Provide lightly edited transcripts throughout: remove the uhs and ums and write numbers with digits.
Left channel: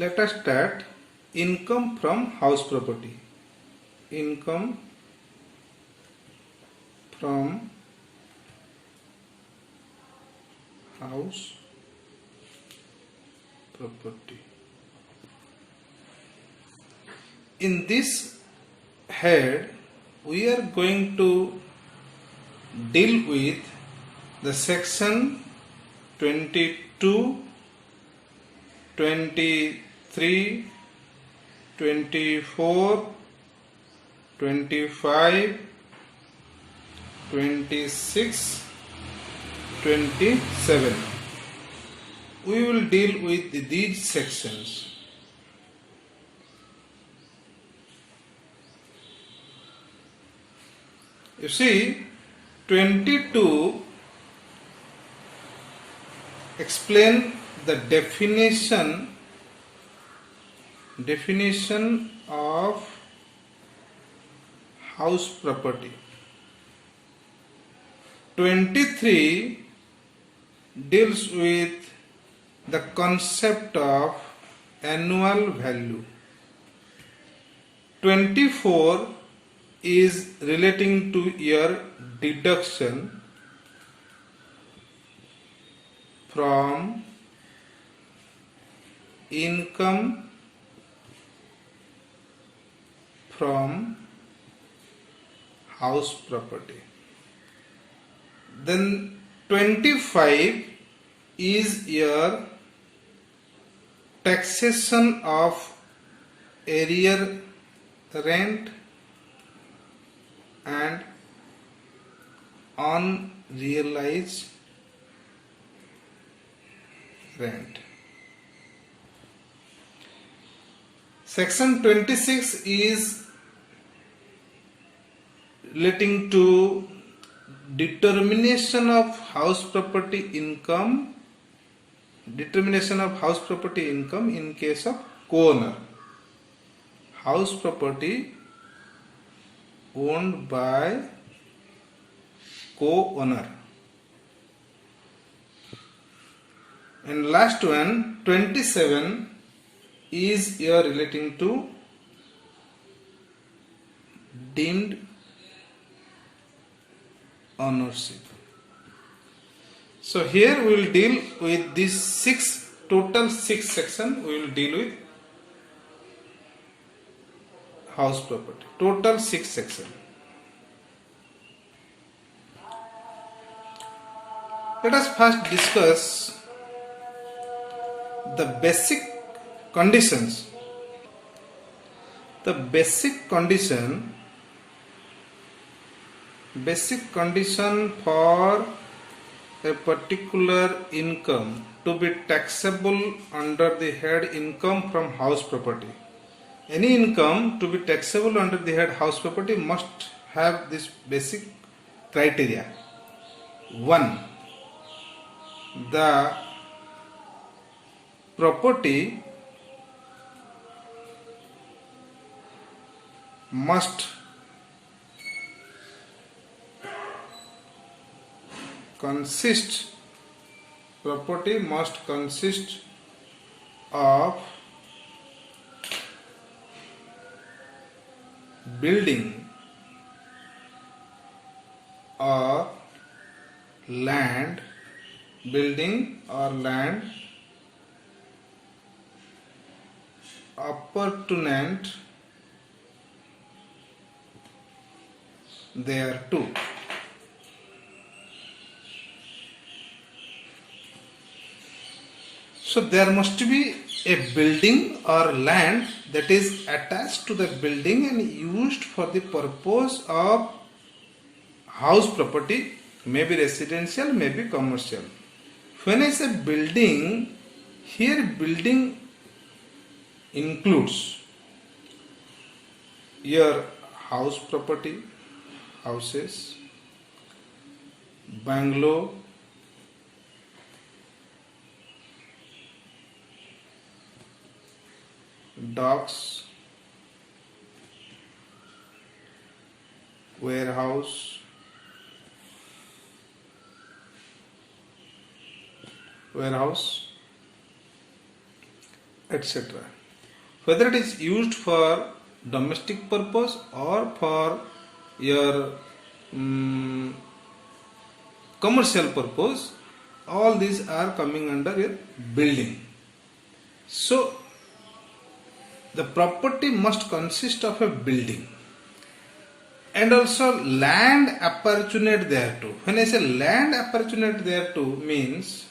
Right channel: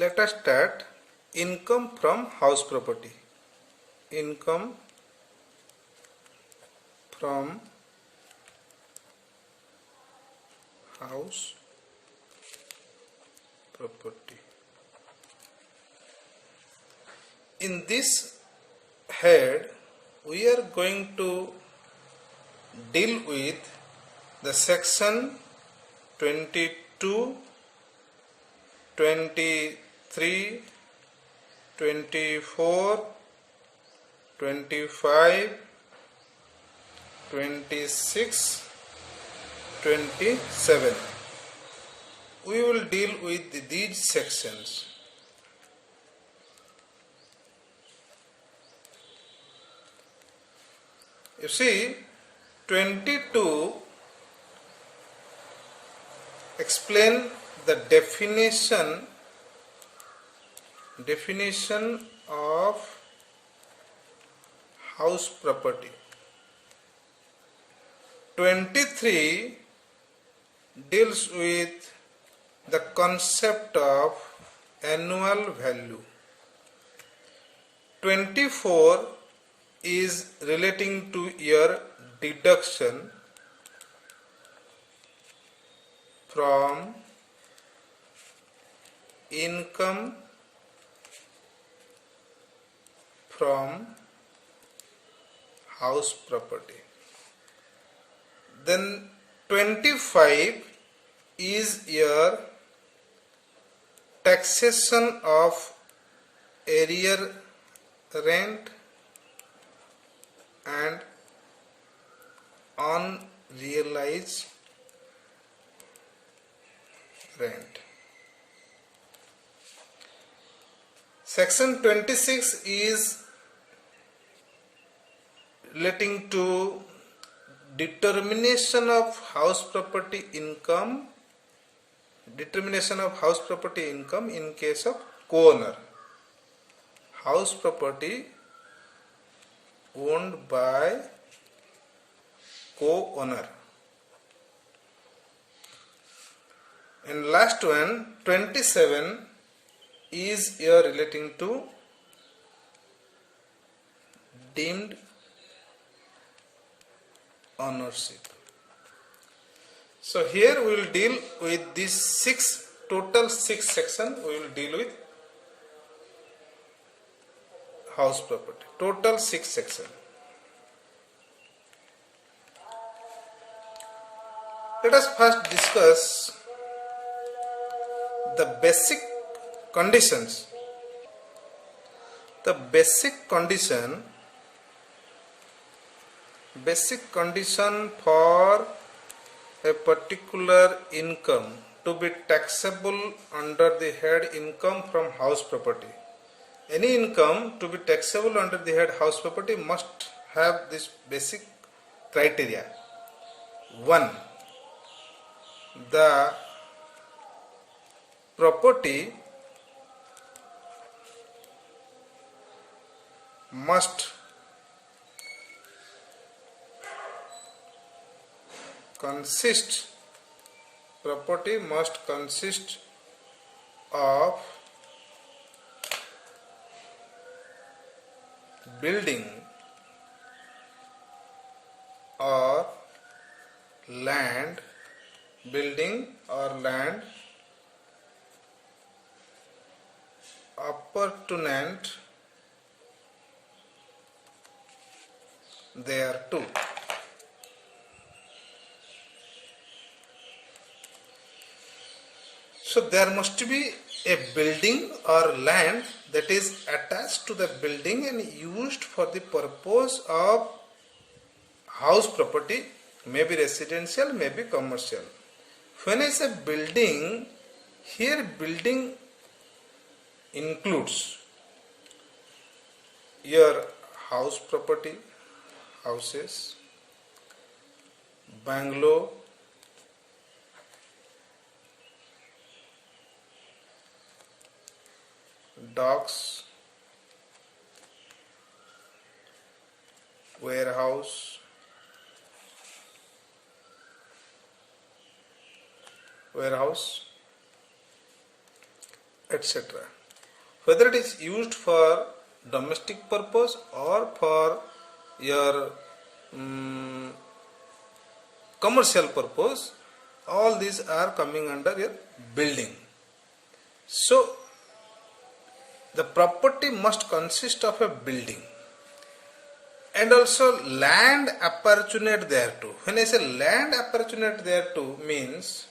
Let us start income from house property. Income from house property. In this head, we are going to deal with the section 22, 23, 24, 25, 26, 27. We will deal with these sections. You see, 22 explain the definition of house property. 23 deals with the concept of annual value. 24 is relating to your deduction from income from house property. Then 25 is your taxation of area rent and unrealized rent. Section 26 is relating to determination of house property income in case of co-owner. House property owned by co-owner. And last one, 27 is your relating to deemed ownership. So here we will deal with these total six sections. We will deal with house property. Total 6 sections. Let us first discuss the basic conditions. The basic condition for a particular income to be taxable under the head income from house property. Any income to be taxable under the head house property must have this basic criteria. 1. The property must consist of building or land appurtenant thereto. So there must be a building or land that is attached to the building and used for the purpose of house property, maybe residential, maybe commercial. When I say building, here building includes your house property, houses, bungalow, docks, warehouse, etc. Whether it is used for domestic purpose or for your commercial purpose, all these are coming under your building. So the property must consist of a building and also land apportionate thereto. When I say land apportionate thereto means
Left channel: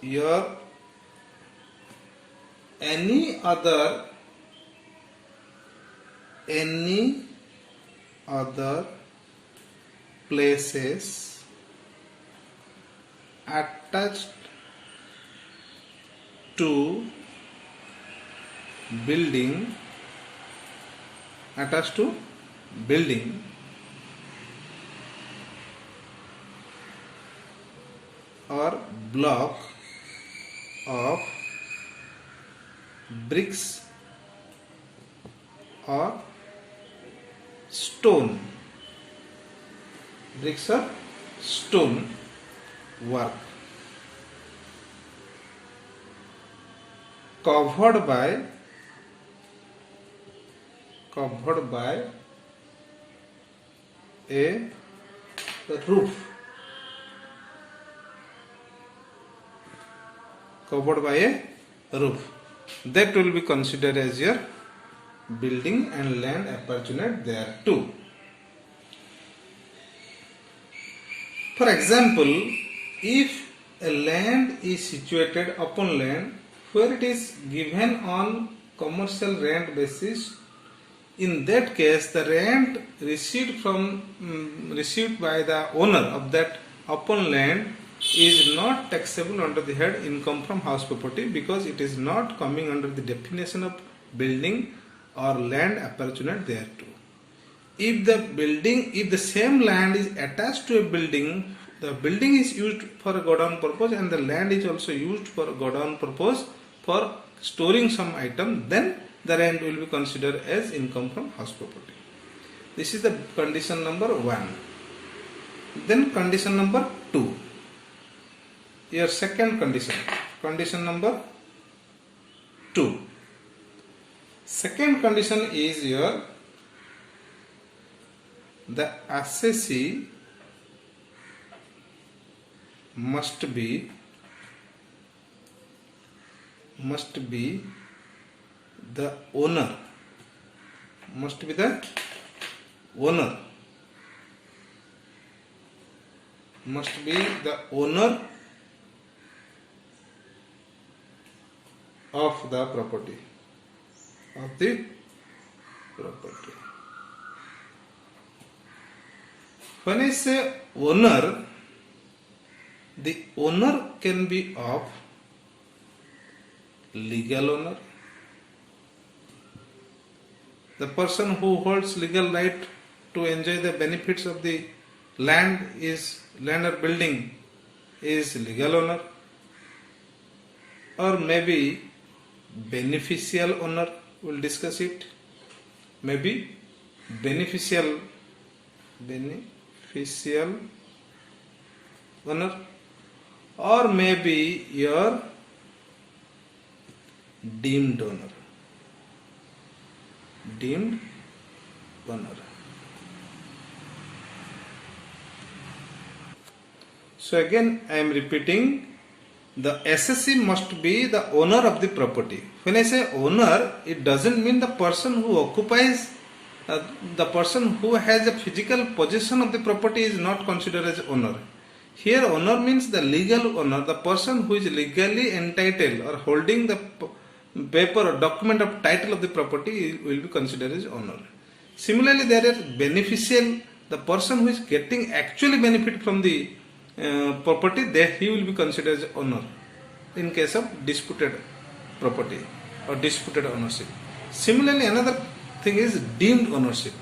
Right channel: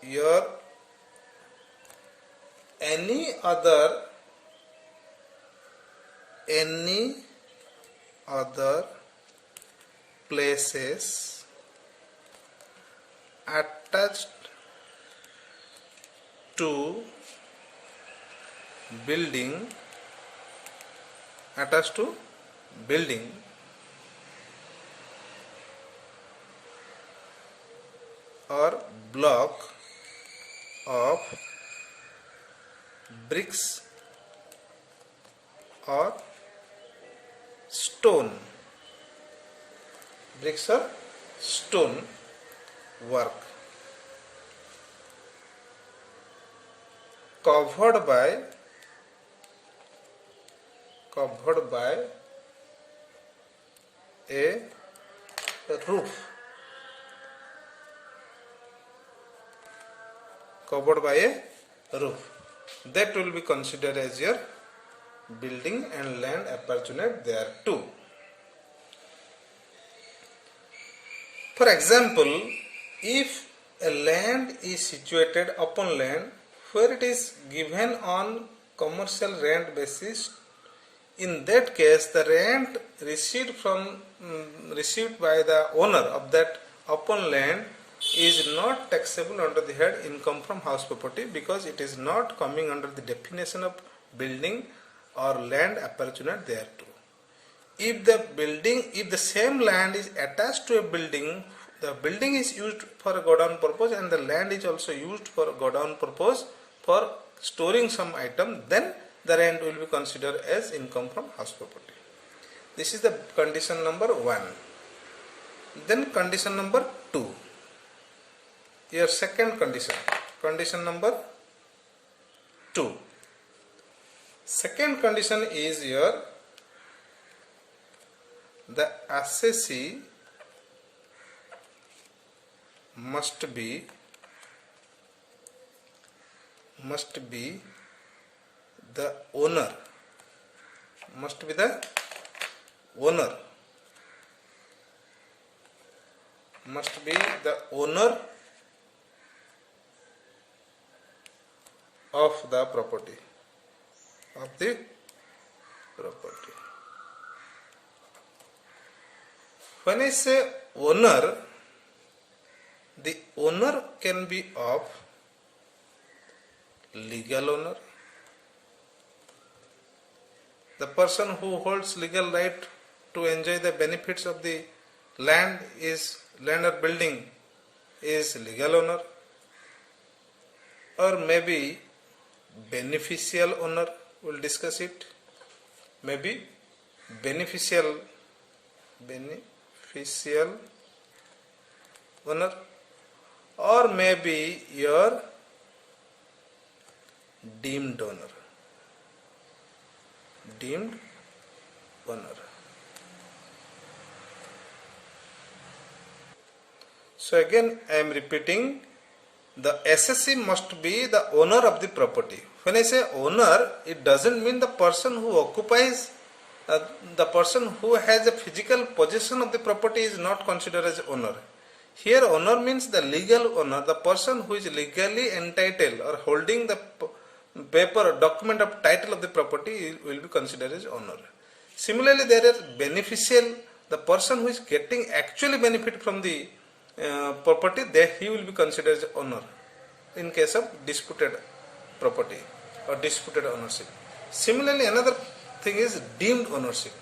your any other places attached to building or block of bricks or stone work covered by a roof, that will be considered as your building and land apportionate thereto. For example, if a land is situated upon land where it is given on commercial rent basis, in that case the rent received by the owner of that upon land is not taxable under the head income from house property, because it is not coming under the definition of building or land apportionate thereto. If the same land is attached to a building, the building is used for a godown purpose and the land is also used for a godown purpose for storing some item, then the rent will be considered as income from house property. This is the condition number 1. Then condition number 2. Your second condition number 2. Second condition is the assessee must be the owner of the property. When I say owner, the owner can be of legal owner, the person who holds legal right to enjoy the benefits of the land or building is legal owner, or maybe beneficial owner, we'll discuss it, maybe beneficial owner, or maybe your deemed owner. So again I am repeating, the assessee must be the owner of the property. When I say owner, it doesn't mean the person who occupies, the person who has a physical possession of the property is not considered as owner. Here owner means the legal owner, the person who is legally entitled or holding the paper or document of title of the property will be considered as owner. Similarly, there is beneficial, the person who is getting actually benefit from the property, there he will be considered as owner in case of disputed property or disputed ownership. Similarly, another thing is deemed ownership.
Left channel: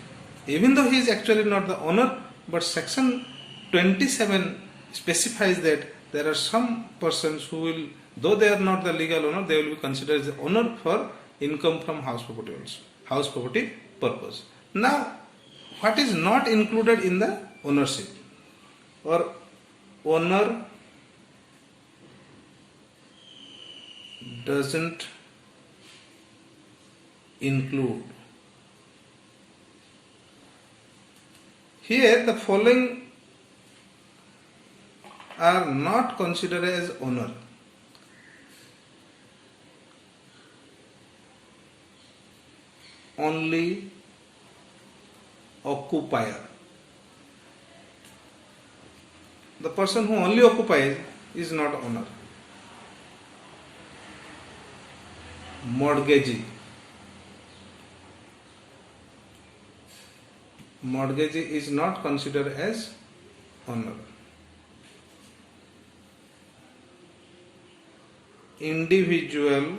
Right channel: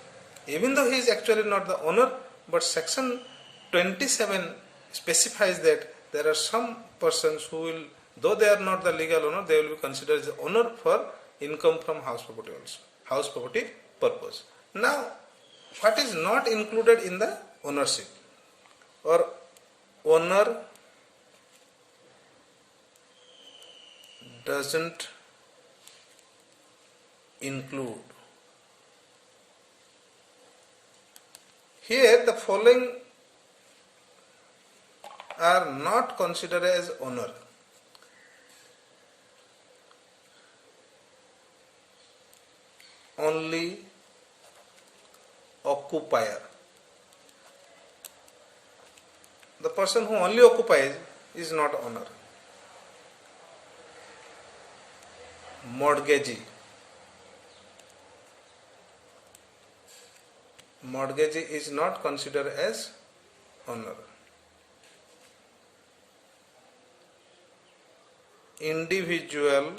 Even though he is actually not the owner, but section 27 specifies that there are some persons who will, though they are not the legal owner, they will be considered as the owner for income from house property also, house property purpose. Now, what is not included in the ownership or owner doesn't include. Here the following are not considered as owner. Only occupier. The person who only occupies is not owner. Mortgagee. Mortgagee is not considered as owner. Individual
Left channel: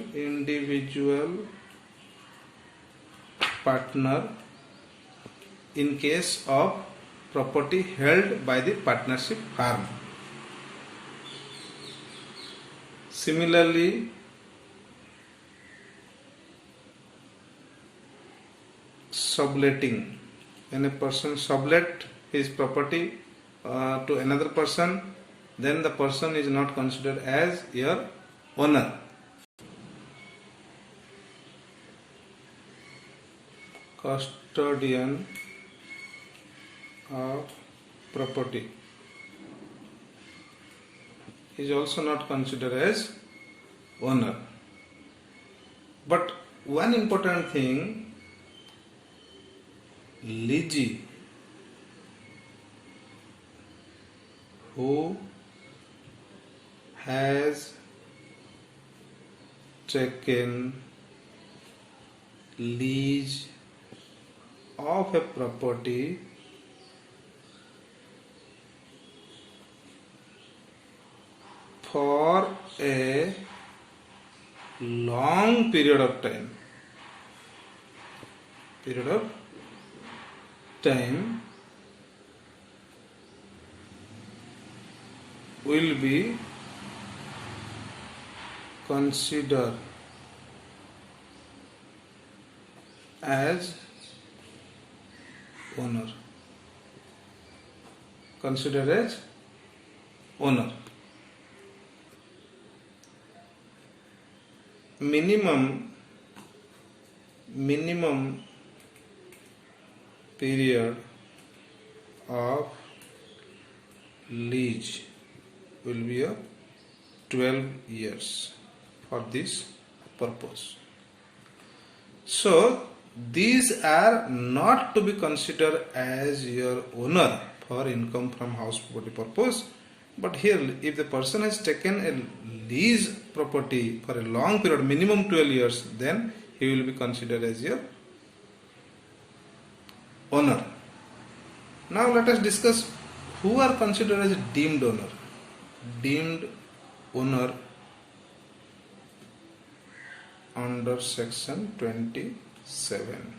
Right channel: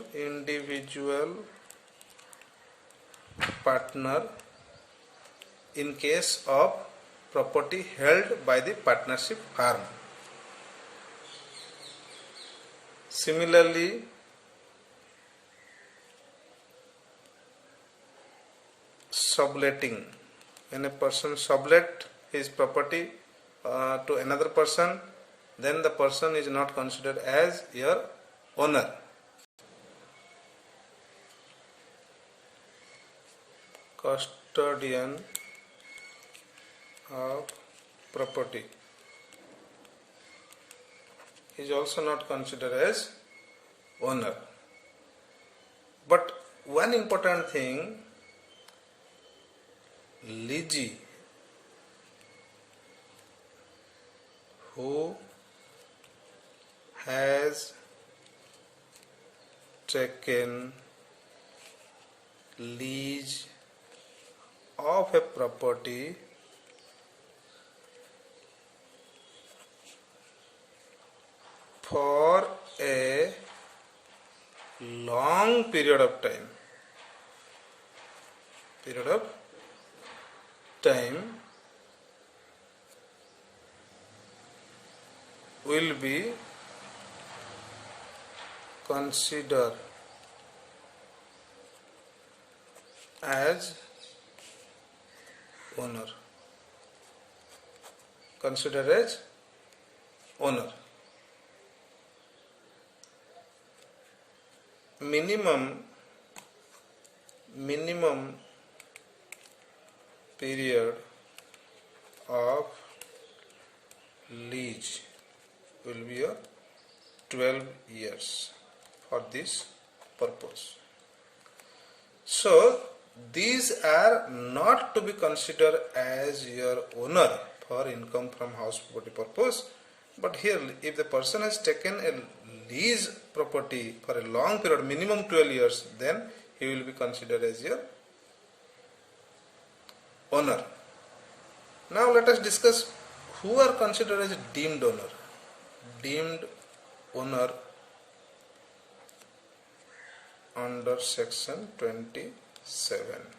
partner in case of property held by the partnership firm. Similarly, subletting. When a person sublet his property to another person, then the person is not considered as your owner. Custodian of property is also not considered as owner. But one important thing, leasee, who has taken lease of a property for a long period of time will be considered as owner. Considered as owner. Minimum period of lease will be 12 years for this purpose. So these are not to be considered as your owner for income from house property purpose. But here, if the person has taken a lease property for a long period, minimum 12 years, then he will be considered as your owner. Now let us discuss who are considered as deemed owner. Deemed owner under section 27.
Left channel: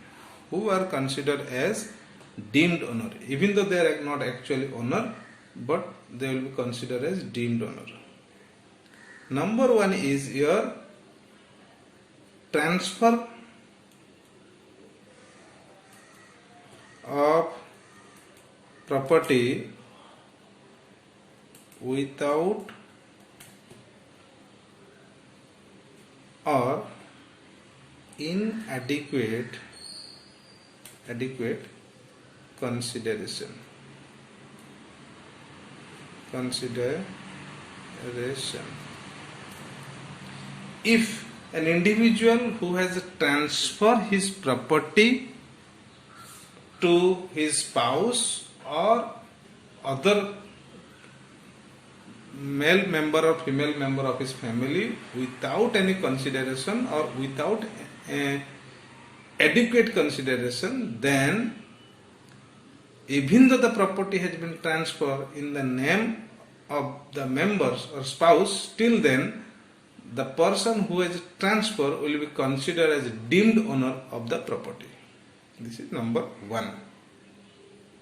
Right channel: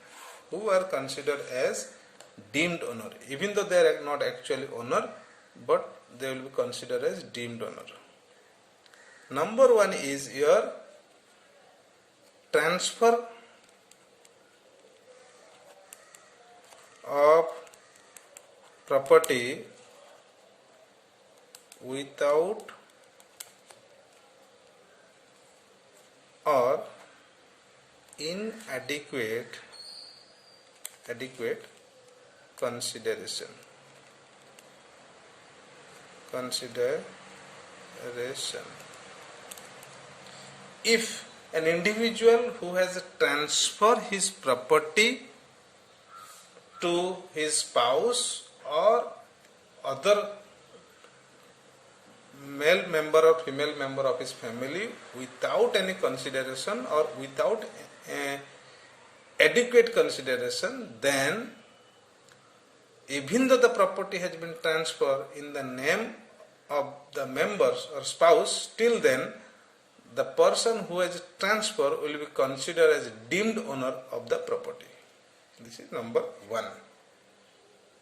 Who are considered as deemed owner, even though they are not actually owner, but they will be considered as deemed owner. Number one is your transfer of property without or inadequate consideration. If an individual who has transferred his property to his spouse or other male member or female member of his family without any consideration or without adequate consideration, then even though the property has been transferred in the name of the members or spouse, still then the person who has transferred will be considered as deemed owner of the property. This is number one.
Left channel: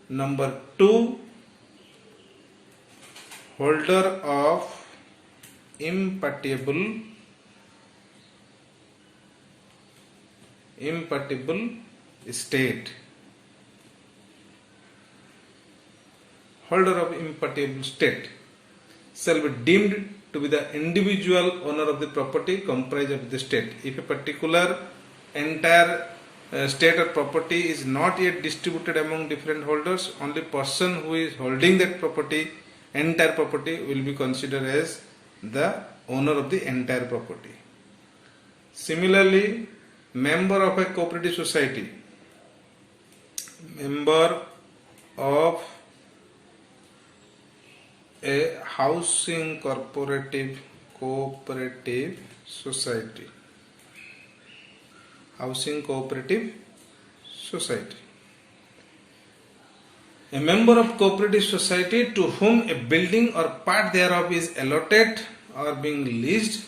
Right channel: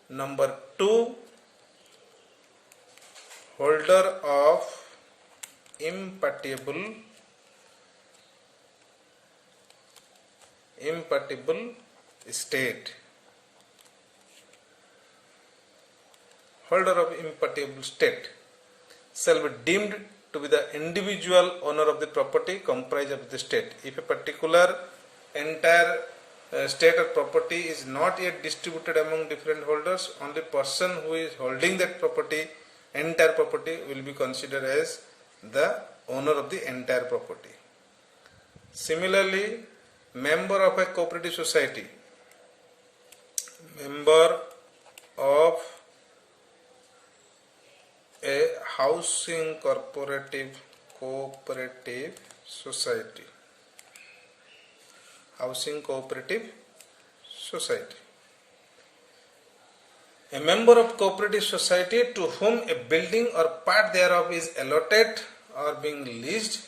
Number two, holder of imputable estate. Holder of imputable estate shall be deemed to be the individual owner of the property comprised of the state. If a particular entire state or property is not yet distributed among different holders, only person who is holding that property, entire property, will be considered as the owner of the entire property. Similarly, member of a cooperative society, member of a housing cooperative society, housing cooperative society. A member of cooperative society to whom a building or part thereof is allotted or being leased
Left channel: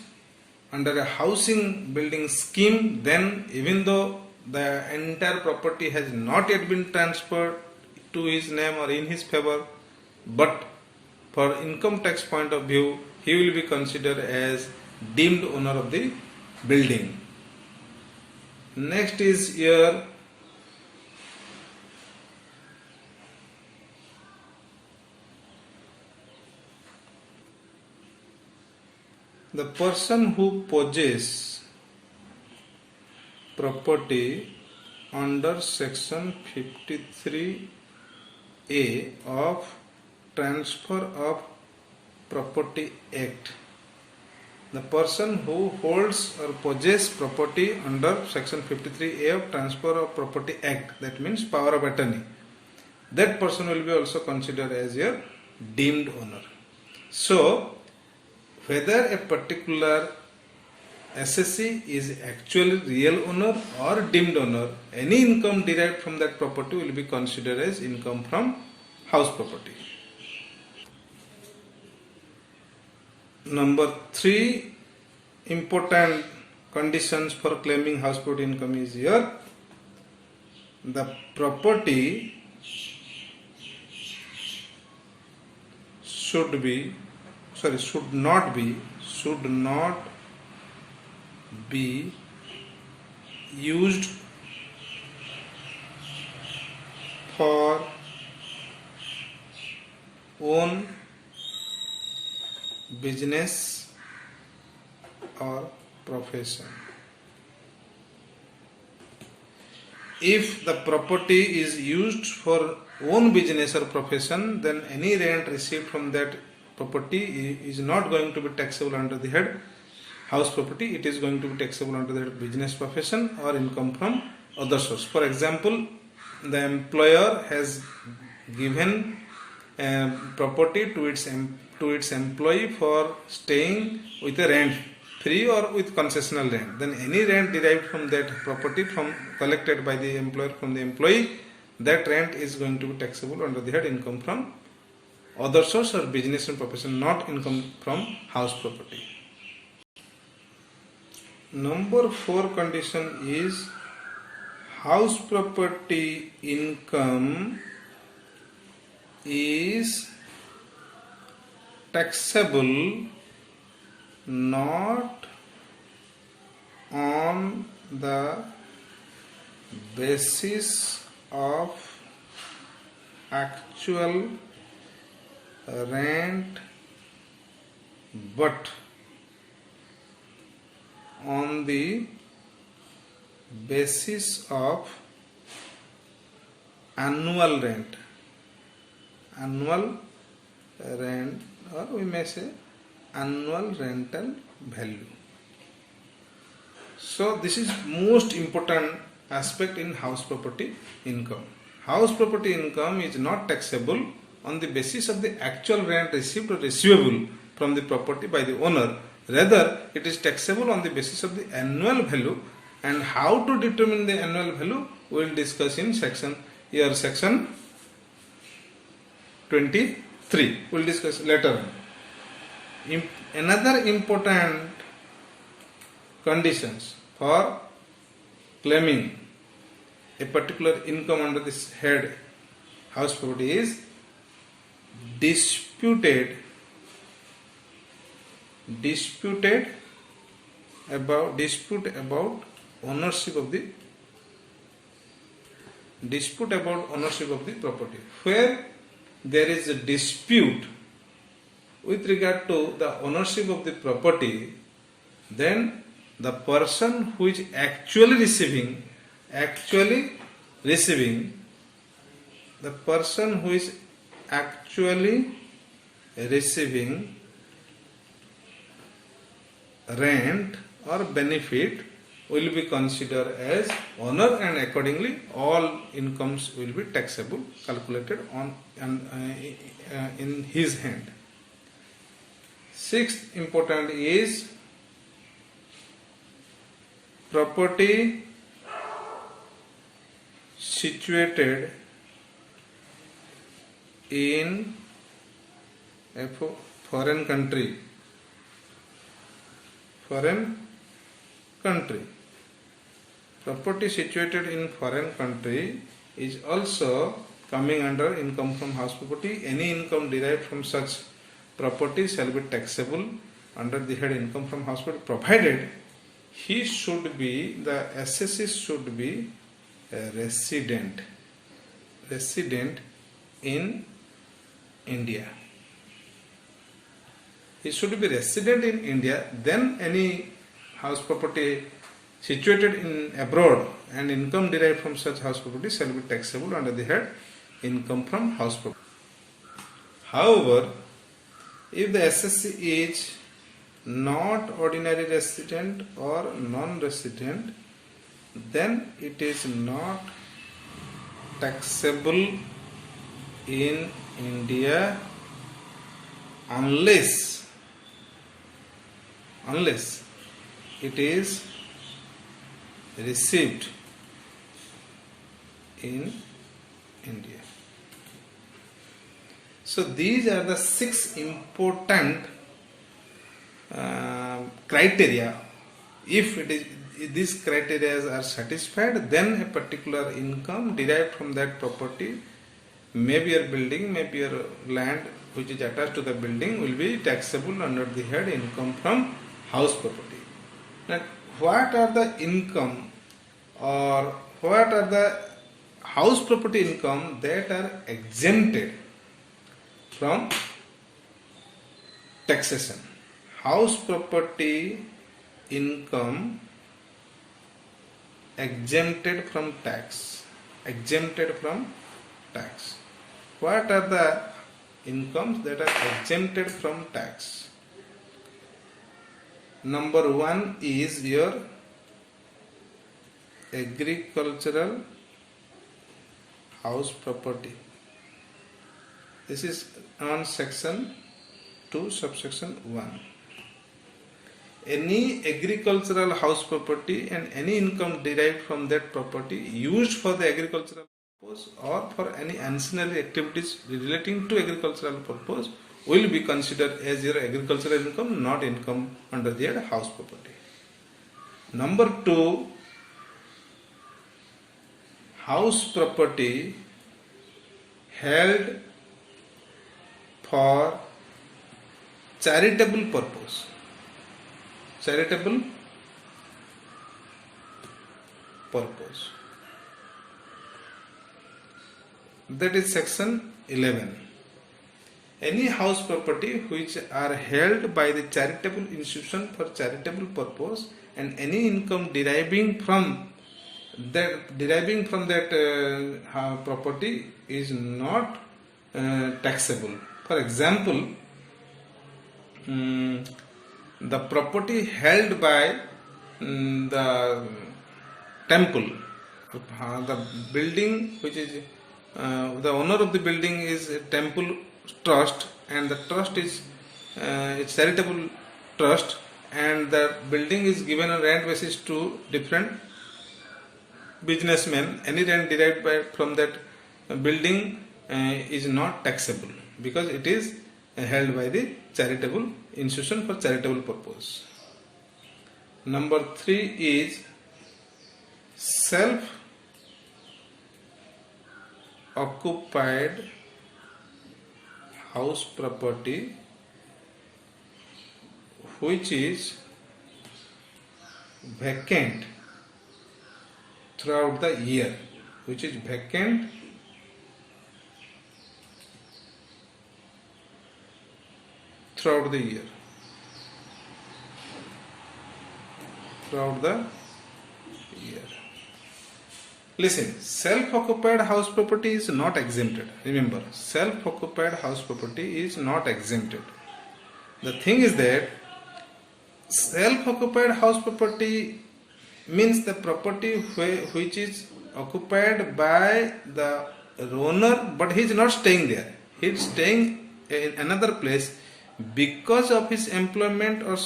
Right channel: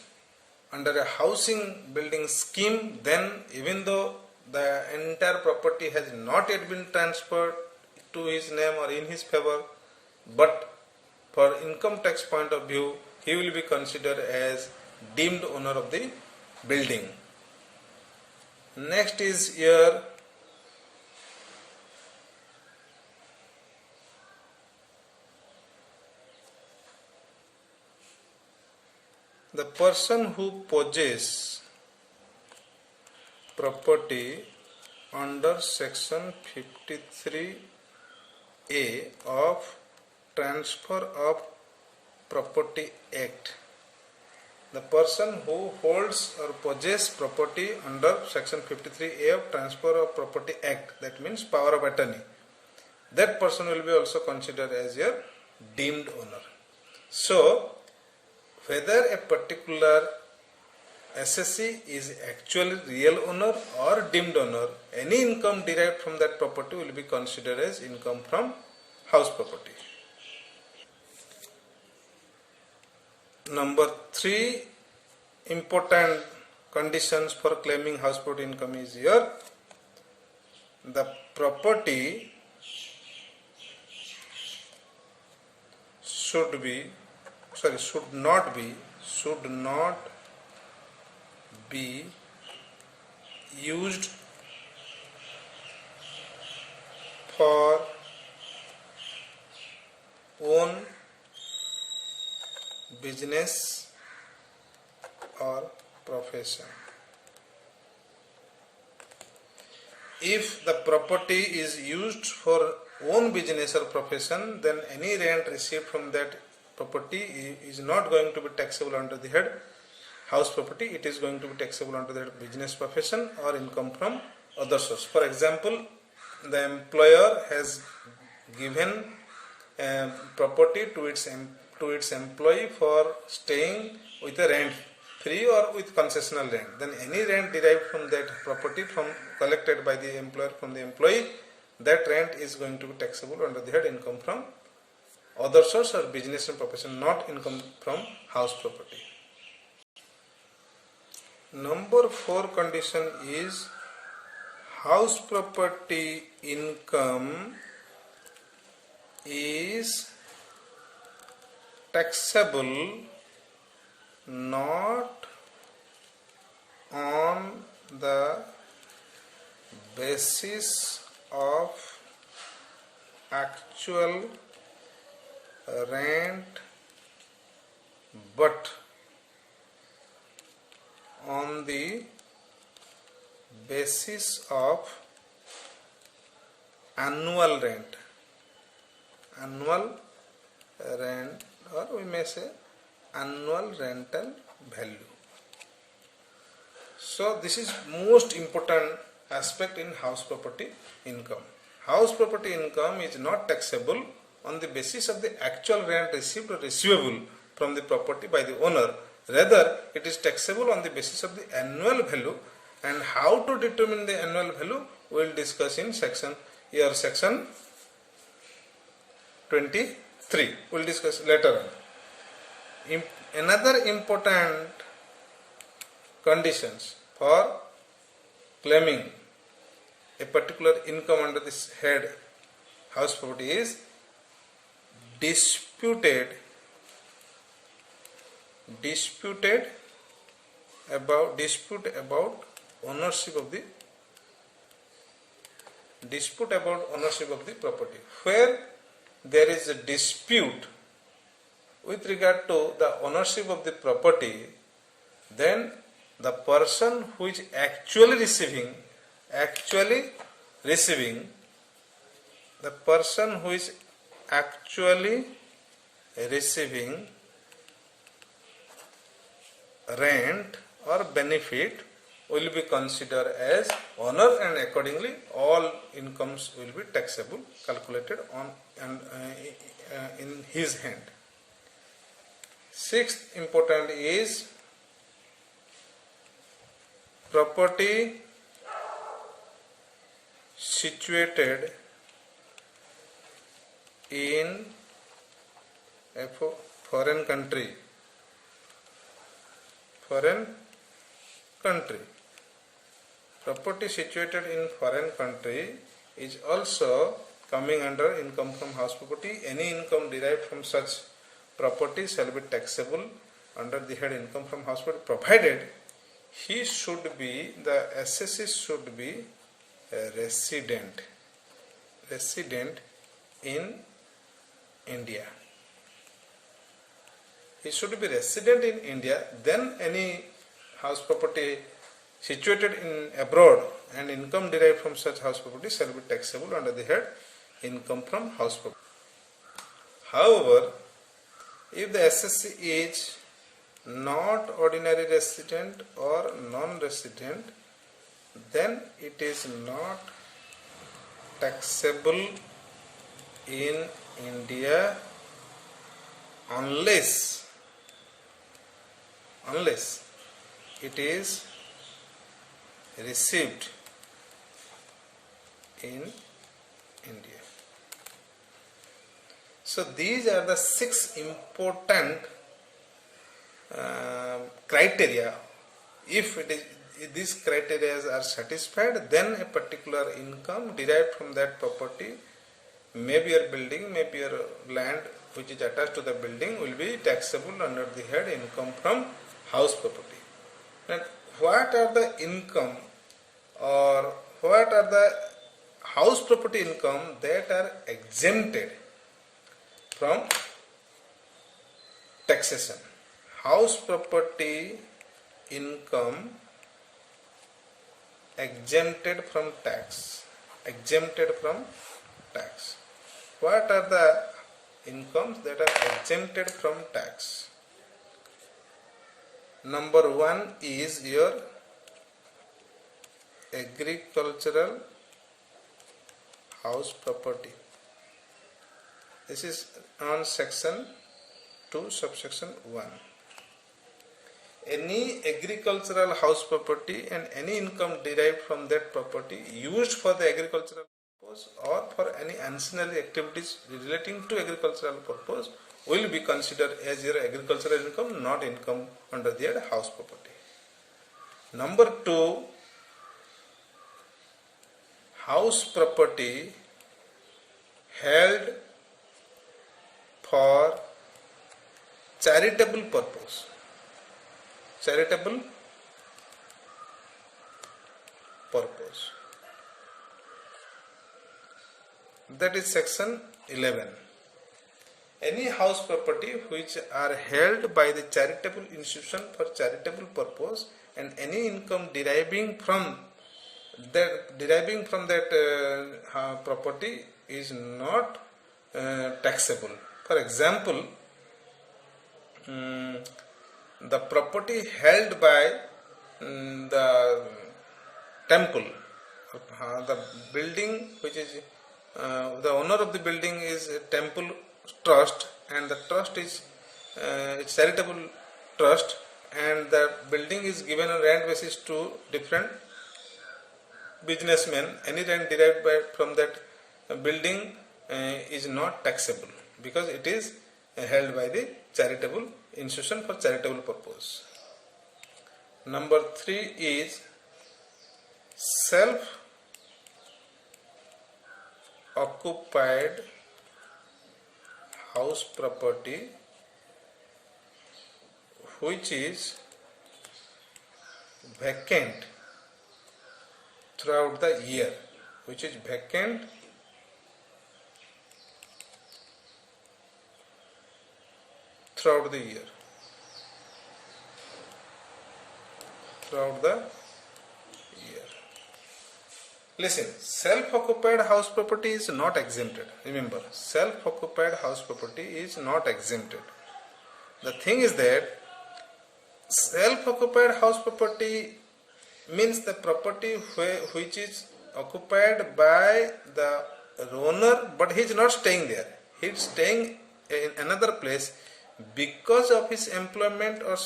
under a housing building scheme, then even though the entire property has not yet been transferred to his name or in his favor, but for income tax point of view, he will be considered as deemed owner of the building. Next is here the person who possesses property under section 53A of Transfer of Property Act. The person who holds or possesses property under section 53A of Transfer of Property Act, that means power of attorney, that person will be also considered as a deemed owner. So, whether a particular assessee is actually real owner or deemed owner, any income derived from that property will be considered as income from house property. Number 3 important conditions for claiming house property income is here. The property should not be used for own business or profession. If the property is used for own business or profession, then any rent received from that property is not going to be taxable under the head house property. It is going to be taxable under the head business profession or income from other source. For example, the employer has given property to its employee for staying with a rent free or with concessional rent. Then any rent derived from that property collected by the employer from the employee, that rent is going to be taxable under the head income from other source or business and profession, not income from house property. Number 4 condition is house property income is taxable not on the basis of actual rent but on the basis of annual rent, or we may say annual rental value. So this is most important aspect in house property income. House property income is not taxable on the basis of the actual rent received or receivable from the property by the owner. Rather, it is taxable on the basis of the annual value, and how to determine the annual value we will discuss in section 23. We will discuss later on. Another important conditions for claiming a particular income under this head house property is dispute about ownership of the property. Where there is a dispute with regard to the ownership of the property, then the person who is receiving, the person who is actually receiving rent or benefit will be considered as owner, and accordingly all incomes will be taxable, calculated on and in his hand. Sixth important is property situated in a foreign country. Property situated in foreign country is also coming under income from house property. Any income derived from such property shall be taxable under the head income from house property, provided the assessee should be a resident in India. He should be resident in India, then any house property situated in abroad and income derived from such house property shall be taxable under the head income from house property. However, if the assessee is not ordinary resident or non-resident, then it is not taxable in India unless it is received in India. So these are the 6 important criteria. If these criteria are satisfied, then a particular income derived from that property, maybe your building, maybe your land which is attached to the building, will be taxable under the head income from house property. Now, what are the income or what are the house property income that are exempted from taxation? House property income exempted from tax. What are the incomes that are exempted from tax? Number 1 is your agricultural house property. This is on section 2, subsection 1. Any agricultural house property and any income derived from that property used for the agricultural purpose or for any ancillary activities relating to agricultural purpose will be considered as your agricultural income, not income under the head house property. Number 2, house property held for charitable purpose. That is section 11. Any house property which are held by the charitable institution for charitable purpose and any income deriving from that property is not taxable. For example, the property held by the temple, the building which is the owner of the building is a temple trust, and the trust is a charitable trust, and the building is given on rent basis to different businessmen. Any rent derived from that building is not taxable because it is held by the charitable institution for charitable purpose. Number 3 is self-occupied house property which is vacant throughout the year, throughout the year. Throughout the year. Listen, self-occupied house property is not exempted. Remember, self-occupied house property is not exempted. The thing is that self-occupied house property means the property which is occupied by the owner, but he is not staying there. He is staying in another place because of his employment or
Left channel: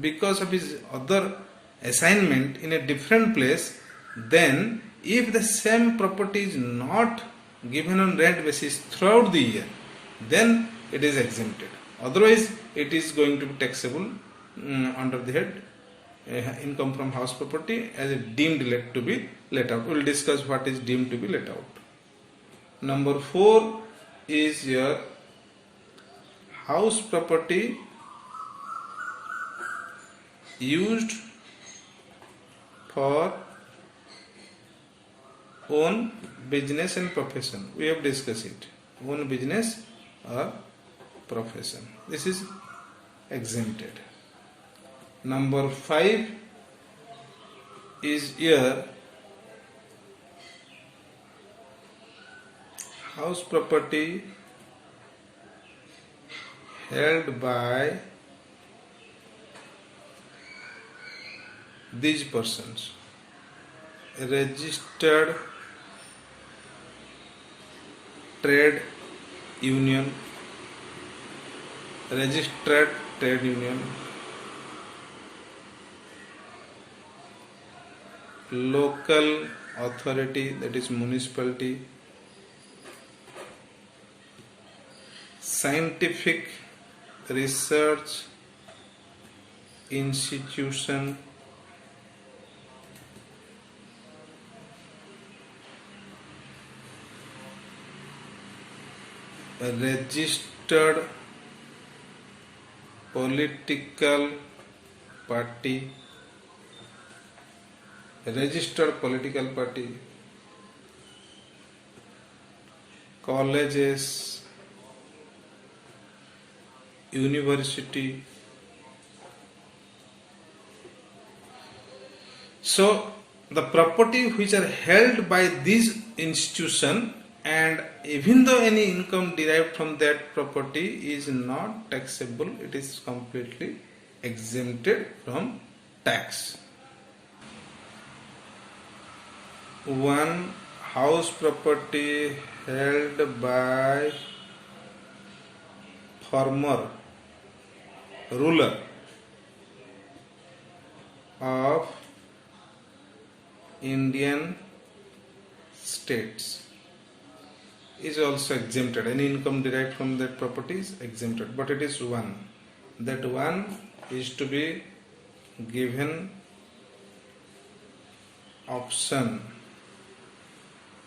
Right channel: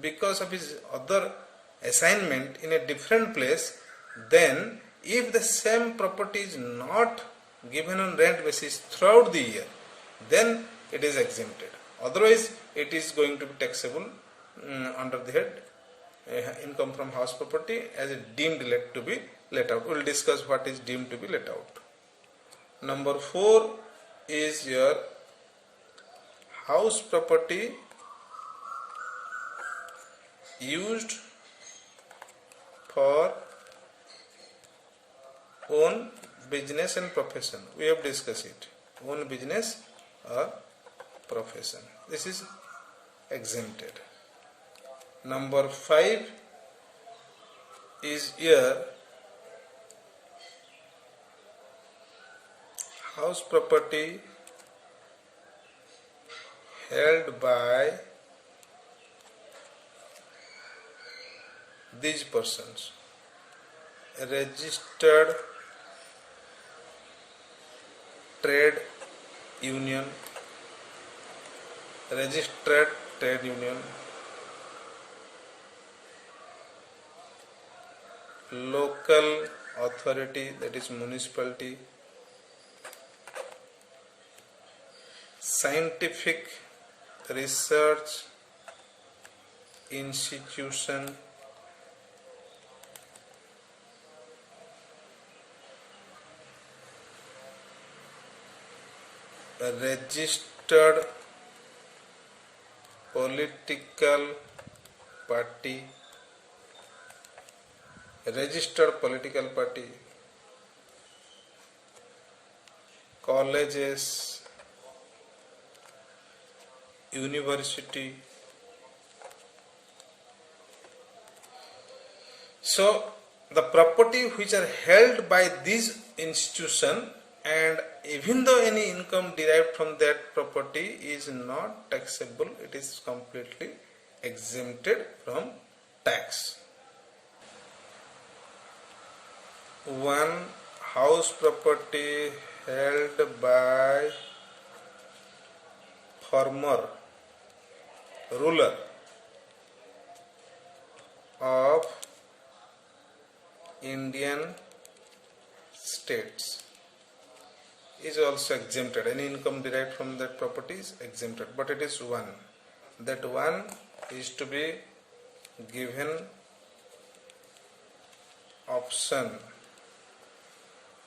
because of his other assignment in a different place. Then if the same property is not given on rent basis throughout the year, then it is exempted. Otherwise it is going to be taxable under the head income from house property as deemed to be let out. We will discuss what is deemed to be let out. Number 4 is your house property used for own business and profession. We have discussed it. Own business or profession. This is exempted. Number 5 is your house property held by these persons. A registered trade union, local authority, that is municipality, scientific research institution, a registered political party, colleges, university. So the property which are held by this institution, and even though any income derived from that property is not taxable, it is completely exempted from tax. One house property held by former ruler of Indian states is also exempted. Any income derived from that property is exempted, but it is one. That one is to be given option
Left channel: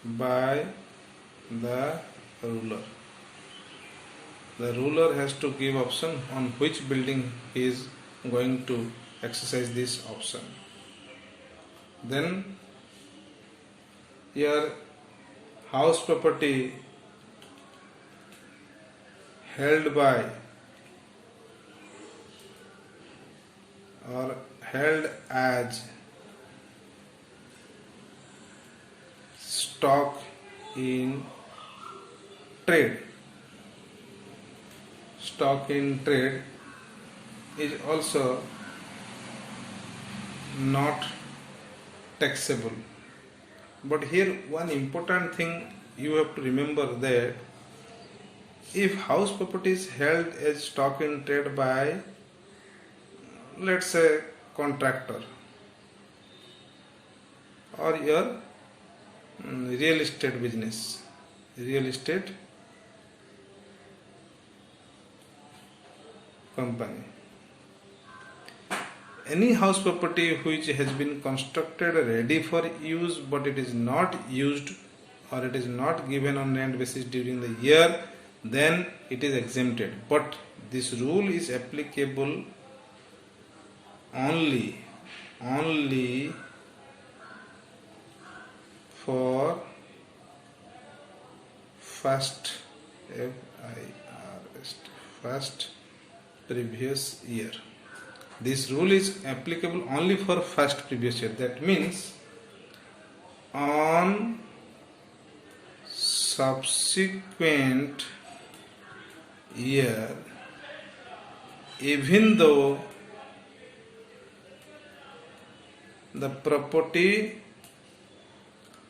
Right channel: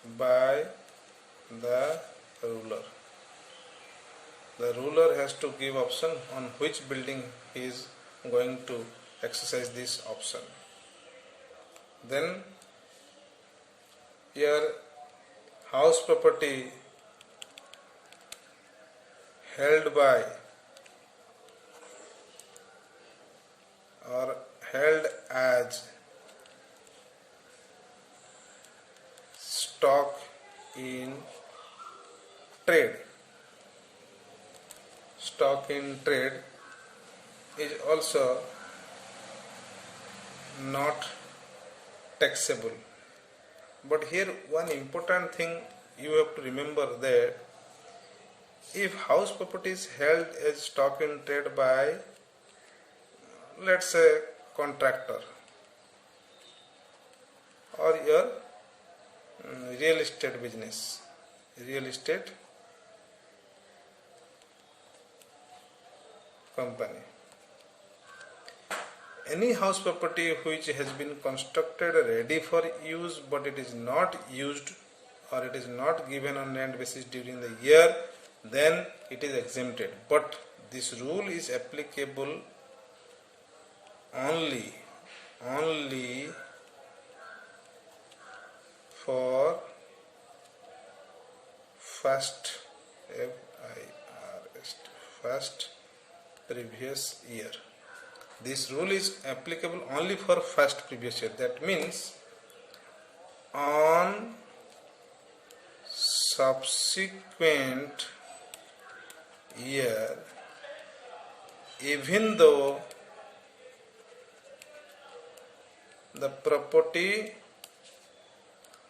by the ruler. The ruler has to give option on which building he is going to exercise this option. Then your house property held by or held as stock in trade. Stock in trade is also not taxable. But here one important thing you have to remember, that if house property is held as stock in trade by, let's say, contractor or your real estate business, real estate company, any house property which has been constructed ready for use but it is not used or it is not given on rent basis during the year, then it is exempted. But this rule is applicable only for first previous year. This rule is applicable only for first previous year. That means on subsequent year, even though the property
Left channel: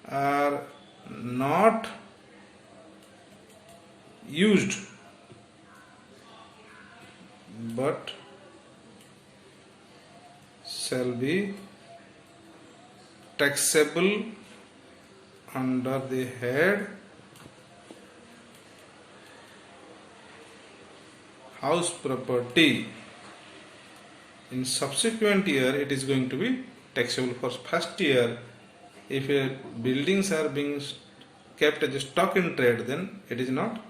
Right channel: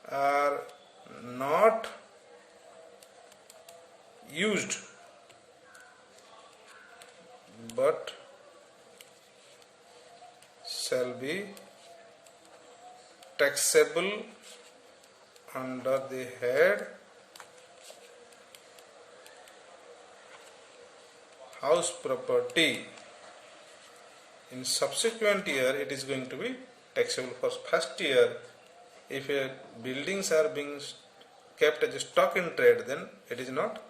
are not used but shall be taxable under the head house property. In subsequent year it is going to be taxable. For first year, if buildings are being kept as a stock in trade, then it is not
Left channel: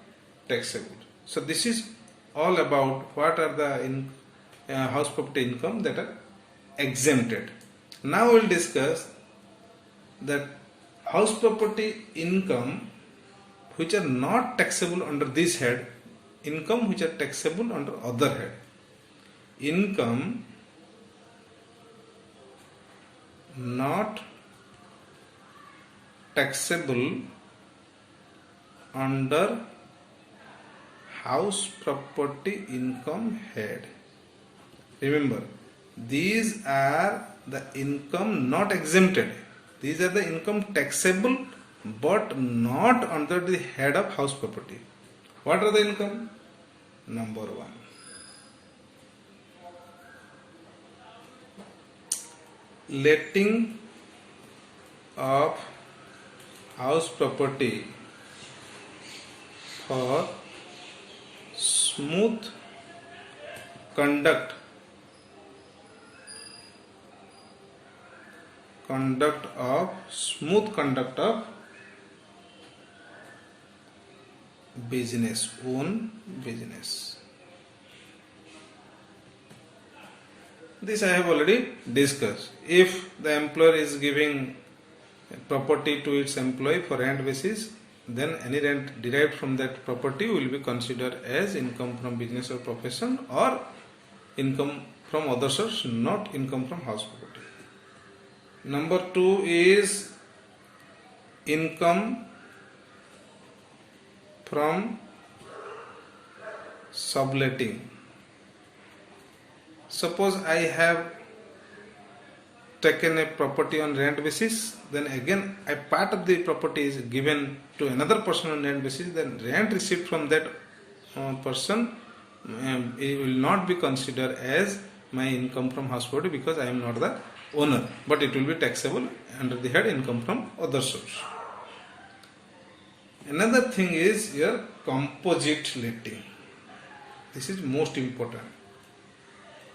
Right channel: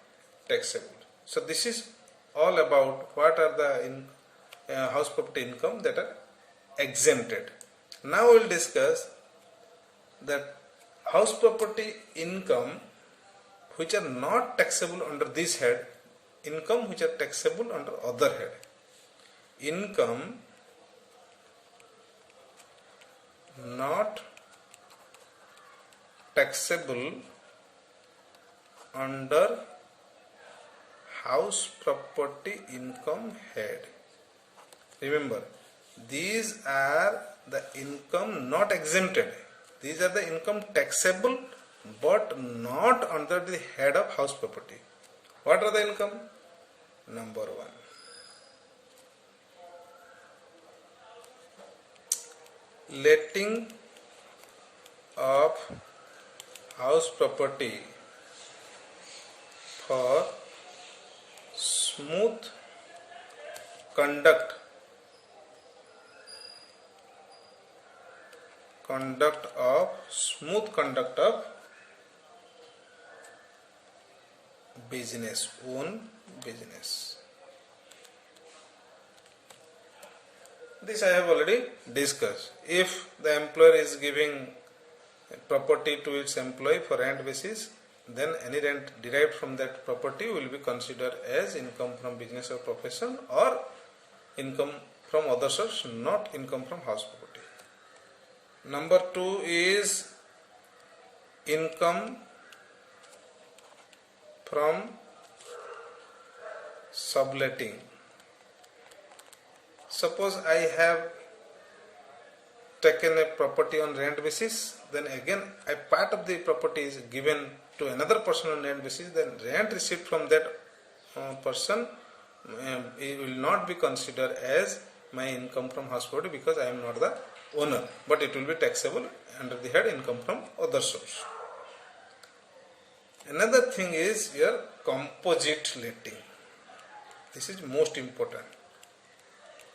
taxable. So this is all about what are the house property income that are exempted. Now we will discuss that house property income which are not taxable under this head, income which are taxable under other head. Income not taxable under house property income head. Remember, these are the income not exempted. These are the income taxable but not under the head of house property. What are the income? Number one, letting of house property for smooth conduct of business, own business. This I have already discussed. If the employer is giving property to its employee for rent basis, then any rent derived from that property will be considered as income from business or profession or income from other source, not income from house property. Number two is income from subletting. Suppose I have taken a property on rent basis, then again a part of the property is given to another person on rent basis, then rent received from that person it will not be considered as my income from house property because I am not the owner, but it will be taxable under the head income from other source. Another thing is your composite letting. This is most important.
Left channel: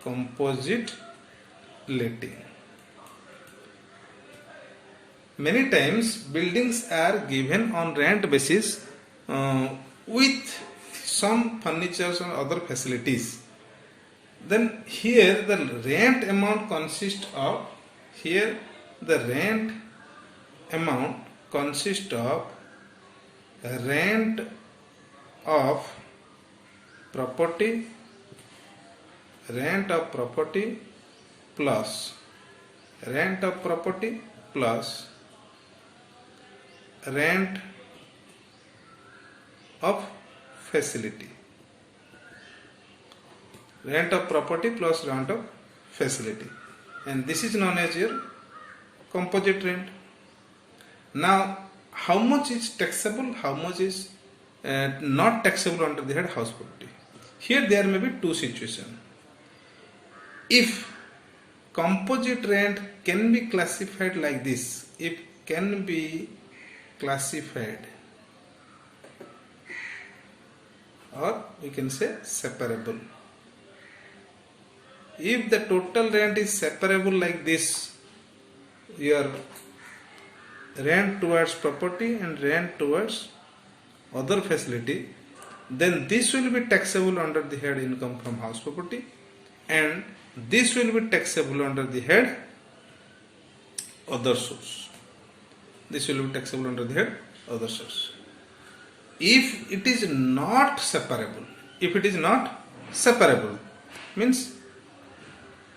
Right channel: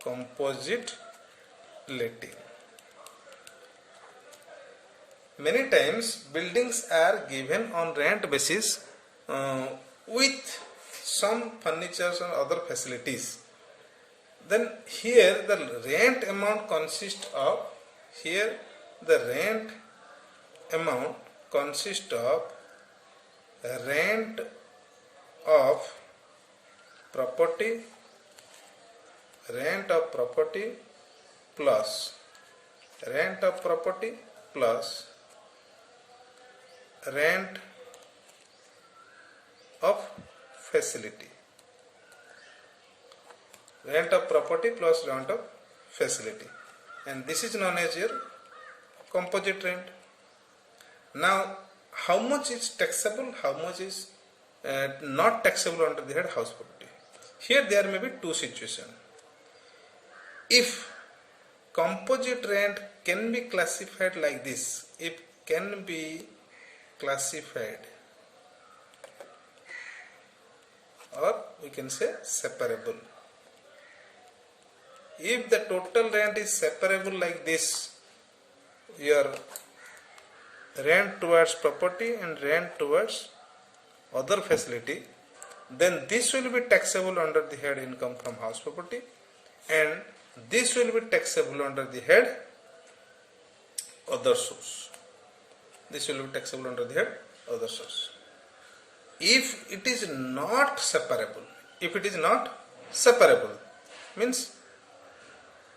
Composite letting. Many times buildings are given on rent basis with some furnitures and other facilities. Then here the rent amount consists of rent of property plus rent of facility. Rent of property plus rent of facility, and this is known as your composite rent. Now, how much is taxable, how much is not taxable under the head house property? Here there may be two situations. If composite rent can be classified like this, it can be classified, or we can say separable. If the total rent is separable like this, your rent towards property and rent towards other facility, then this will be taxable under the head income from house property, and this will be taxable under the head other source. This will be taxable under the head other source. If it is not separable, means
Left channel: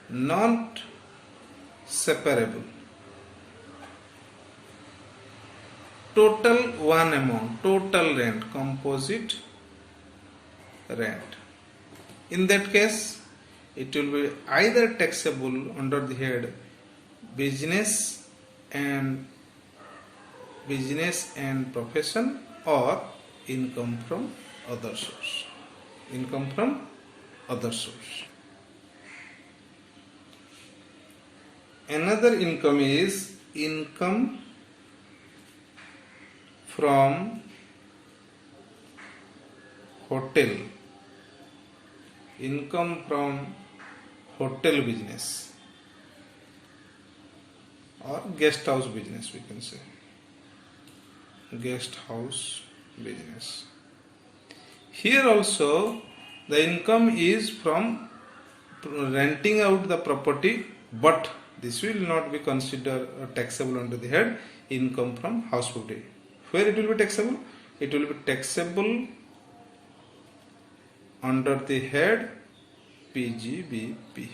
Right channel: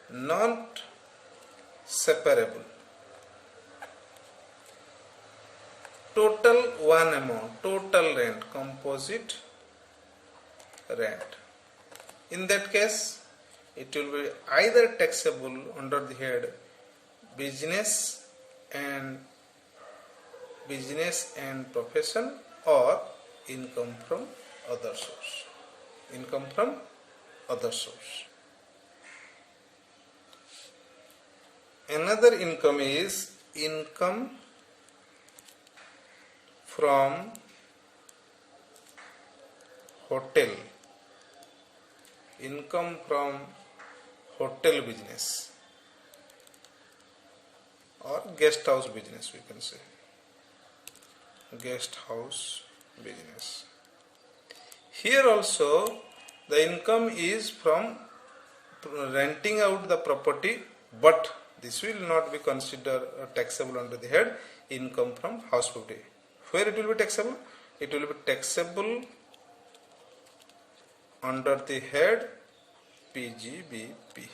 not separable. Total one amount, total rent, composite rent. In that case, it will be either taxable under the head business and profession, or income from other source. Income from other source. Another income is income from hotel. Income from hotel business or guest house business, we can say. Guest house business. Here also the income is from renting out the property, but this will not be considered taxable under the head income from house property. Where it will be taxable? It will be taxable under the head PGBP,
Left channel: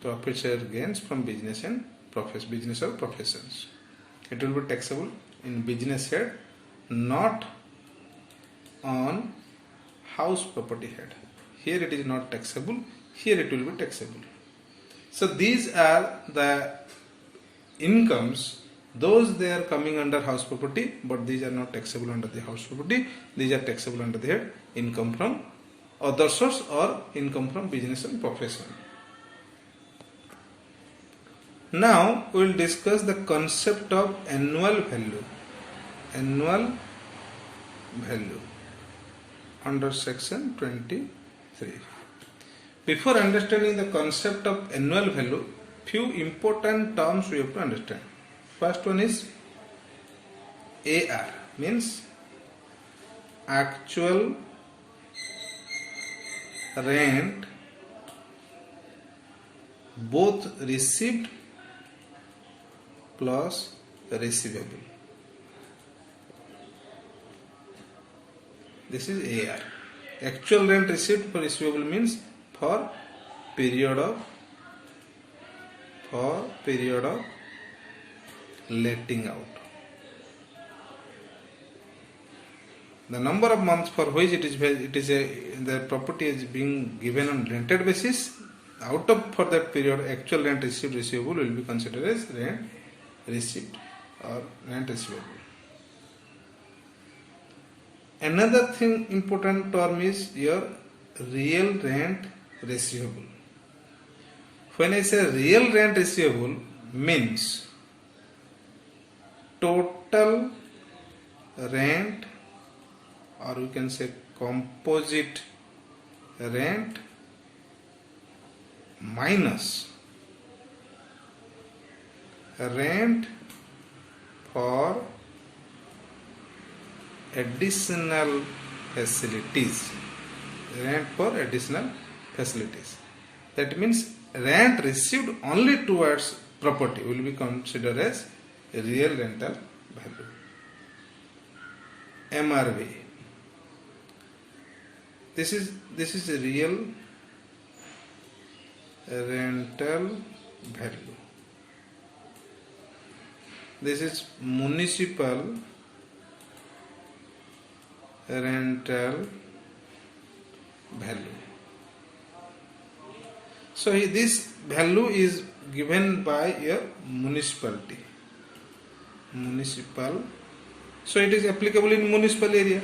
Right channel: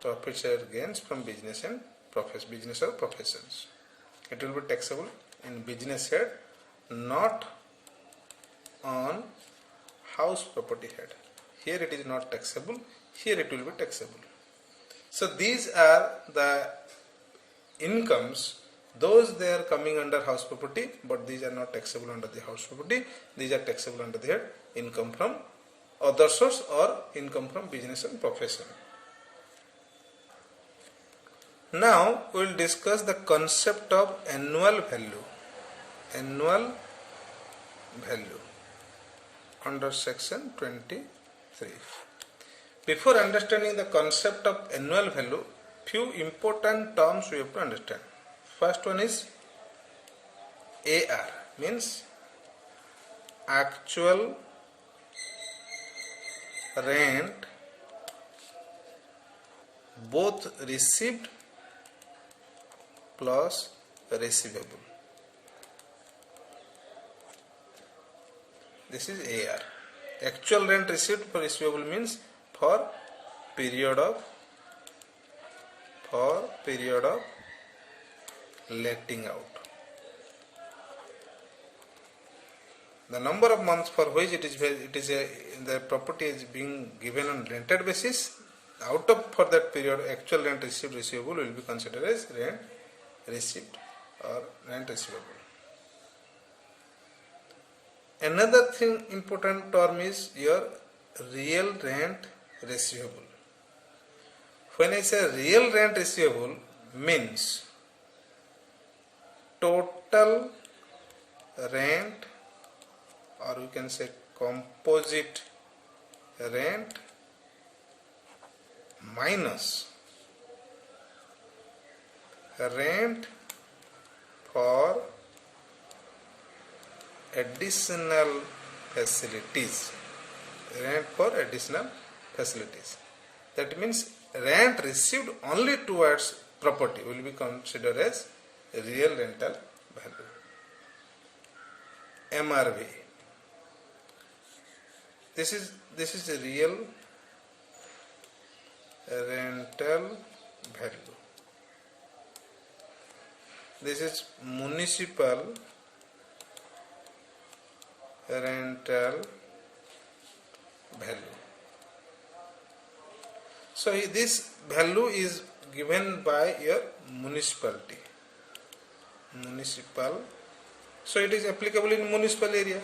profit share gains from business and business or professions. It will be taxable in business head, not on house property head. Here it is not taxable, here it will be taxable. So these are the incomes, those they are coming under house property, but these are not taxable under the house property. These are taxable under the head income from other source or income from business and profession. Now we will discuss the concept of annual value. Annual value under section 23. Before understanding the concept of annual value, few important terms we have to understand. First one is AR, means actual rent both received plus receivable. This is AR. Actual rent received for receivable means for period of letting out. The number of months for which the property is being given on rented basis, out of for that period actual rent received receivable will be considered as rent received or rent receivable. Another thing important term is your real rent receivable. When I say real rent receivable, means total rent, or we can say composite rent minus rent for additional facilities. Rent for additional facilities. That means rent received only towards property will be considered as real rental value. MRV. This is a real rental value. This is municipal rental value. So this value is given by your municipality. Municipal. So it is applicable in municipal area.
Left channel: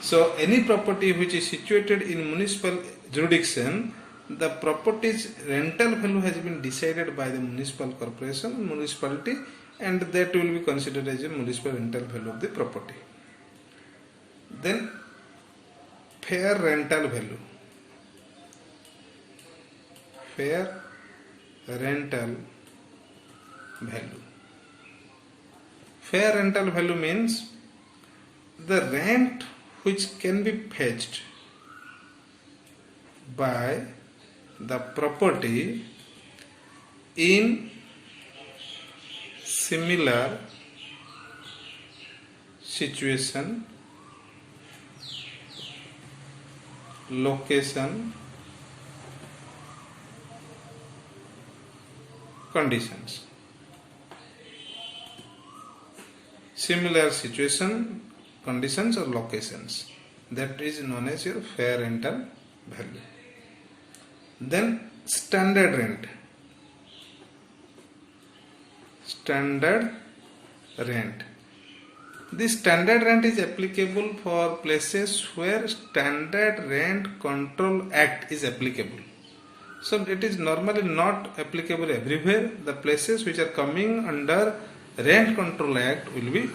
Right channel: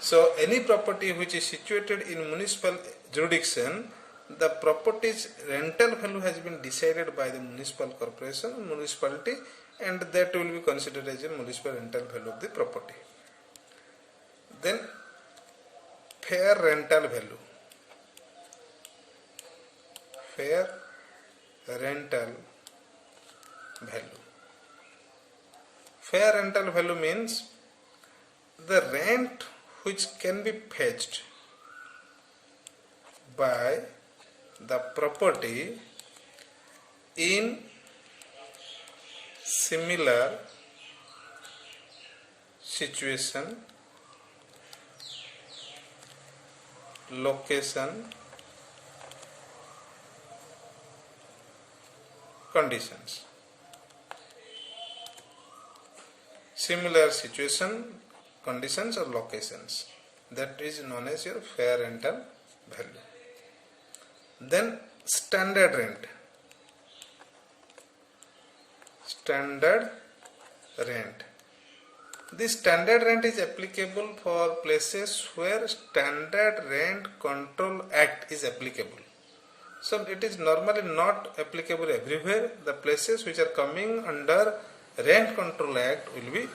So any property which is situated in municipal jurisdiction, the property's rental value has been decided by the municipal corporation, municipality, and that will be considered as a municipal rental value of the property. Then fair rental value. Fair rental value. Fair rental value means the rent which can be fetched by the property in similar situation location conditions. Similar situation, conditions or locations, that is known as your fair rental value. Then standard rent. Standard rent. This standard rent is applicable for places where Standard Rent Control Act is applicable. So it is normally not applicable everywhere. The places which are coming under Rent Control Act will be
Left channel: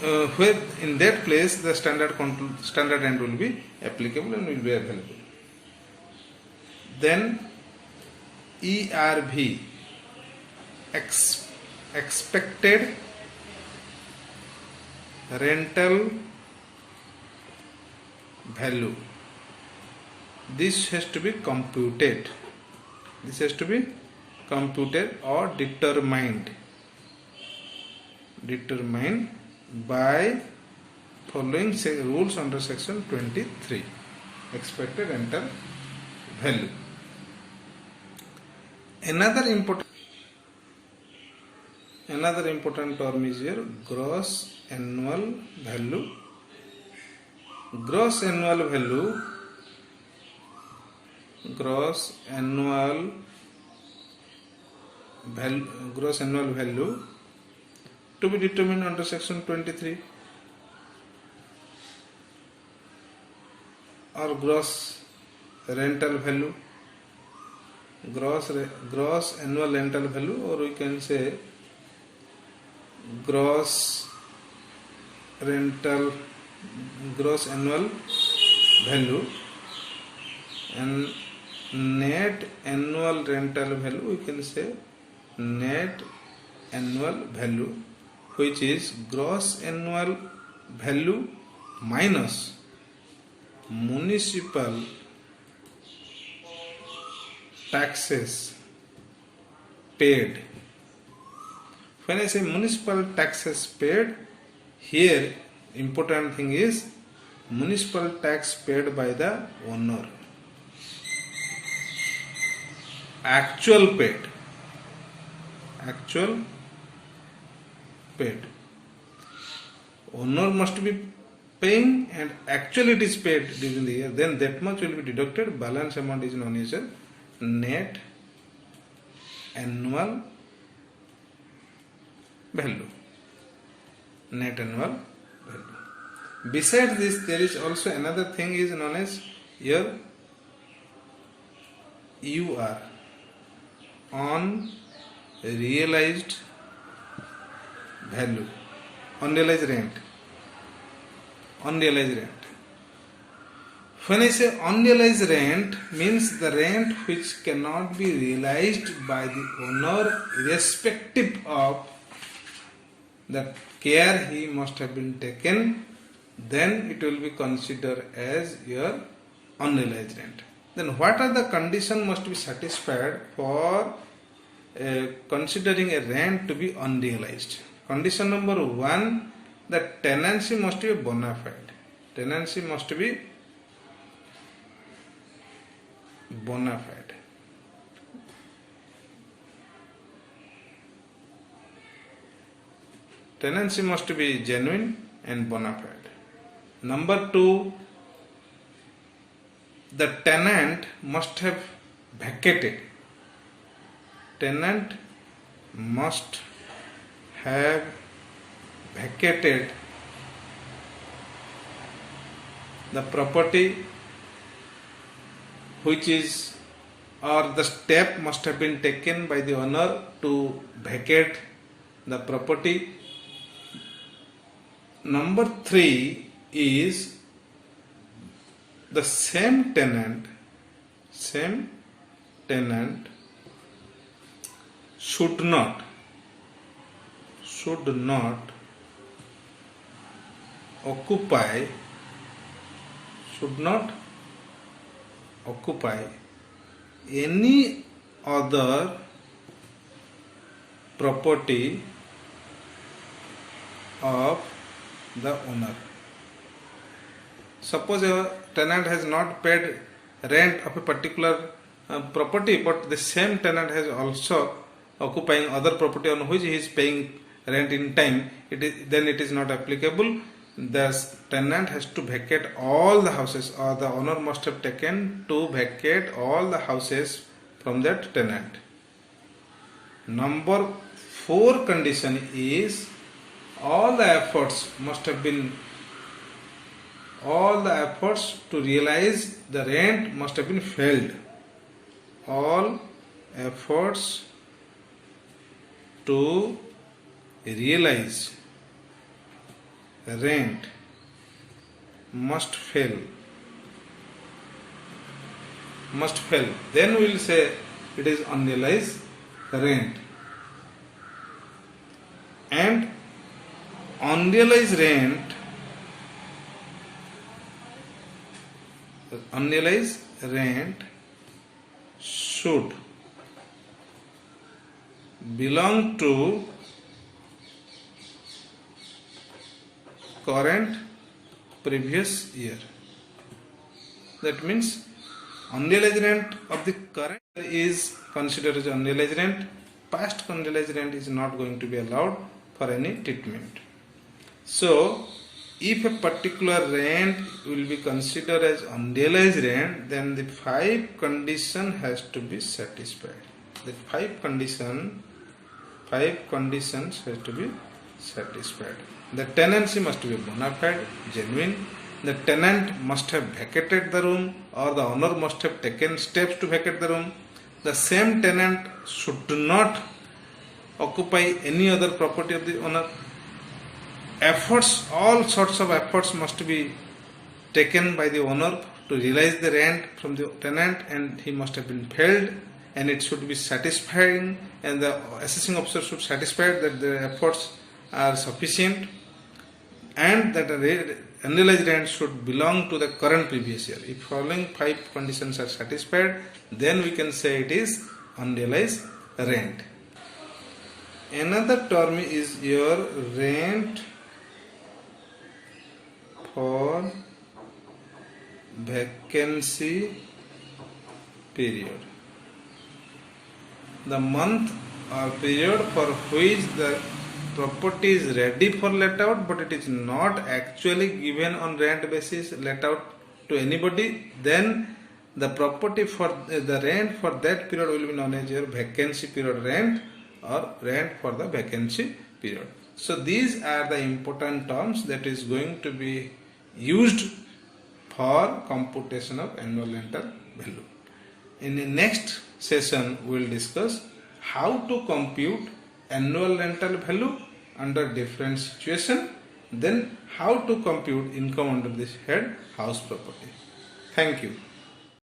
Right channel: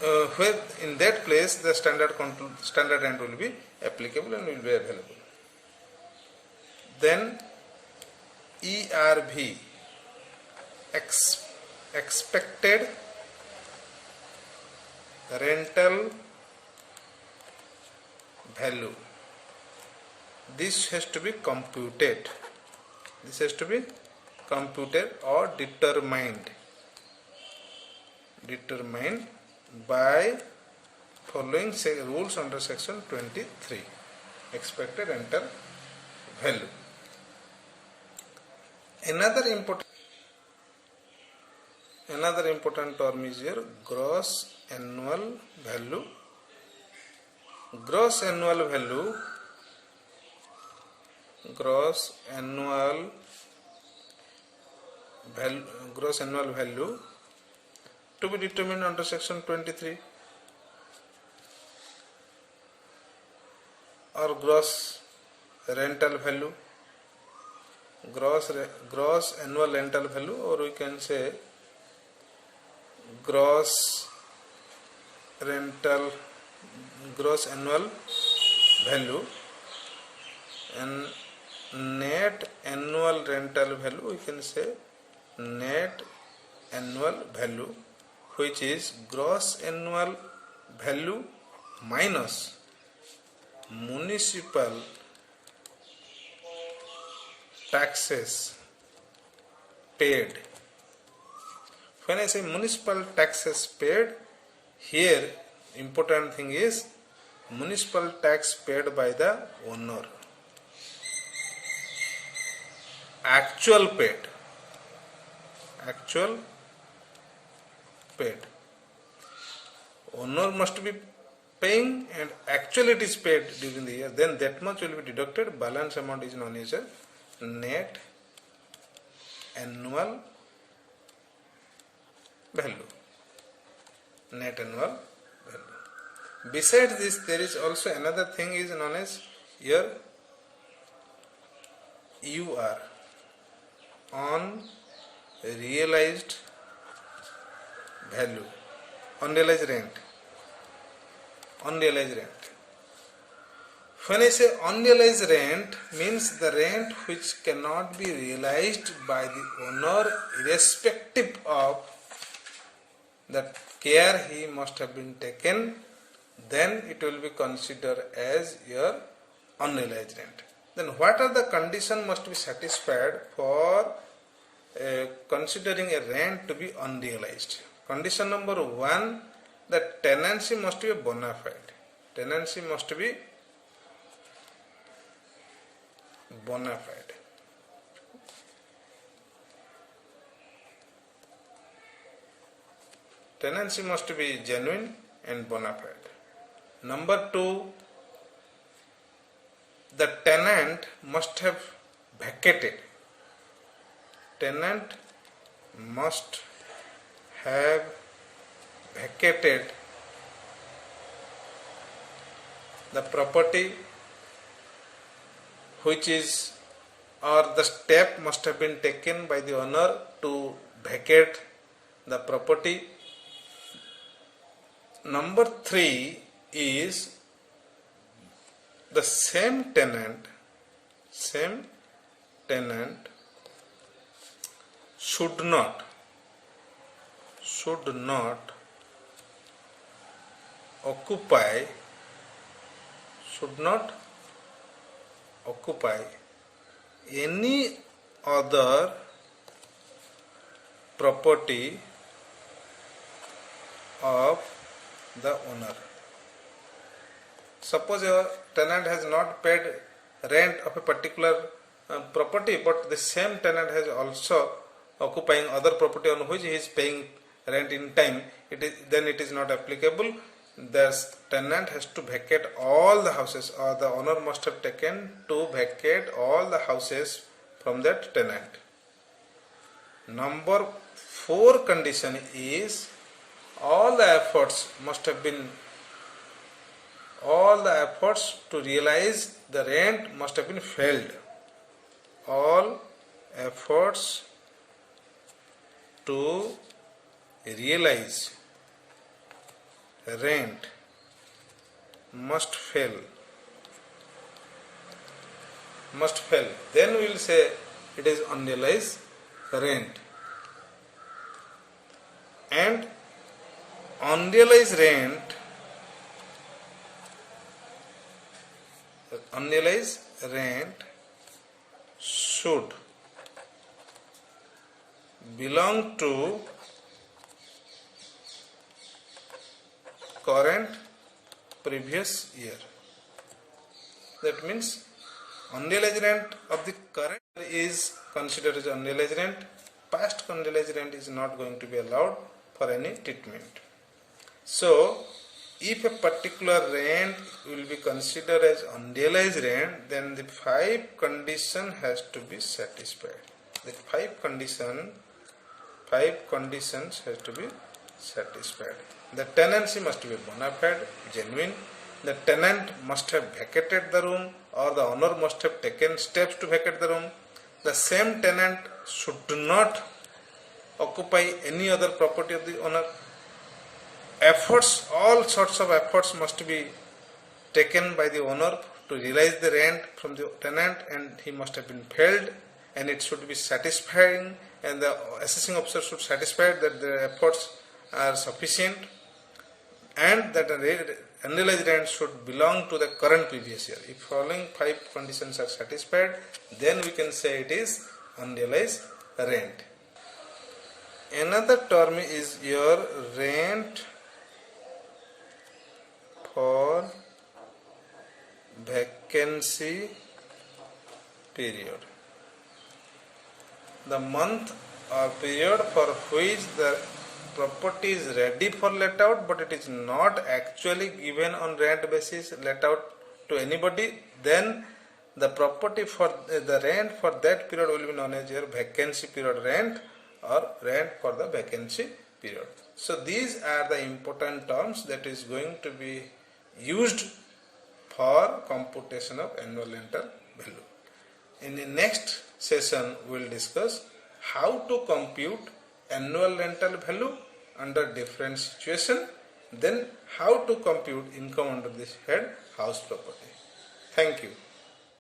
where in that place the standard rent will be applicable and will be available. Then ERV, expected rental value. This has to be computed. This has to be computed or determined by following rules under section 23. Expected rental value. Another important term is here gross annual value. Gross annual value to be determined under section 23, or gross rental value, gross annual rental value, or we can say gross annual value, and net annual rental value, we can say net annual value, which is gross annual value minus municipal taxes paid. When I say municipal taxes paid, here important thing is municipal tax paid by the owner. Actual paid. Owner must be paying and actually it is paid during the year. Then that much will be deducted. Balance amount is known as a net annual value. Besides this, there is also another thing is known as your UR, unrealized value, unrealized rent. When I say unrealized rent, means the rent which cannot be realized by the owner irrespective of the care he must have been taken, then it will be considered as your unrealized rent. Then what are the conditions must be satisfied for considering a rent to be unrealized? Condition number 1, the tenancy must be bona fide. Tenancy must be bona fide. Tenancy must be genuine and bona fide. Number 2, the tenant must have vacated. Tenant must have vacated the property which is, or the step must have been taken by the owner to vacate the property. Number 3 is the same tenant should not occupy any other property of the owner. Suppose tenant has not paid rent of a particular property, but the same tenant has also occupying other property on which he is paying rent in time, then it is not applicable. The tenant has to vacate all the houses, or the owner must have taken to vacate all the houses from that tenant. Number 4 condition is all the efforts to realize the rent must have been failed. All efforts to realize rent must fail. Then we will say it is unrealized rent. And unrealized rent should belong to current previous year. That means unrealized rent of the current is considered as unrealized rent. Past unrealized rent is not going to be allowed for any treatment. So, if a particular rent will be considered as unrealized rent, then the 5 condition has to be satisfied. The 5 conditions has to be satisfied. The tenancy must be bona fide, genuine. The tenant must have vacated the room, or the owner must have taken steps to vacate the room. The same tenant should not occupy any other property of the owner. All sorts of efforts must be taken by the owner to realize the rent from the tenant, and he must have been failed, and it should be satisfying, and the assessing officer should satisfy that the efforts are sufficient, and that the unrealized rent should belong to the current previous year. If following 5 conditions are satisfied, then we can say it is unrealized rent. Another term is your rent for vacancy period. The month or period for which the property is ready for let out, but it is not actually given on rent basis let out to anybody, then the property for the rent for that period will be known as your vacancy period rent, or rent for the vacancy period. So these are the important terms that is going to be used for computation of annual rental value. In the next session we will discuss how to compute annual rental value under different situation, then how to compute income under this head house property. Thank you.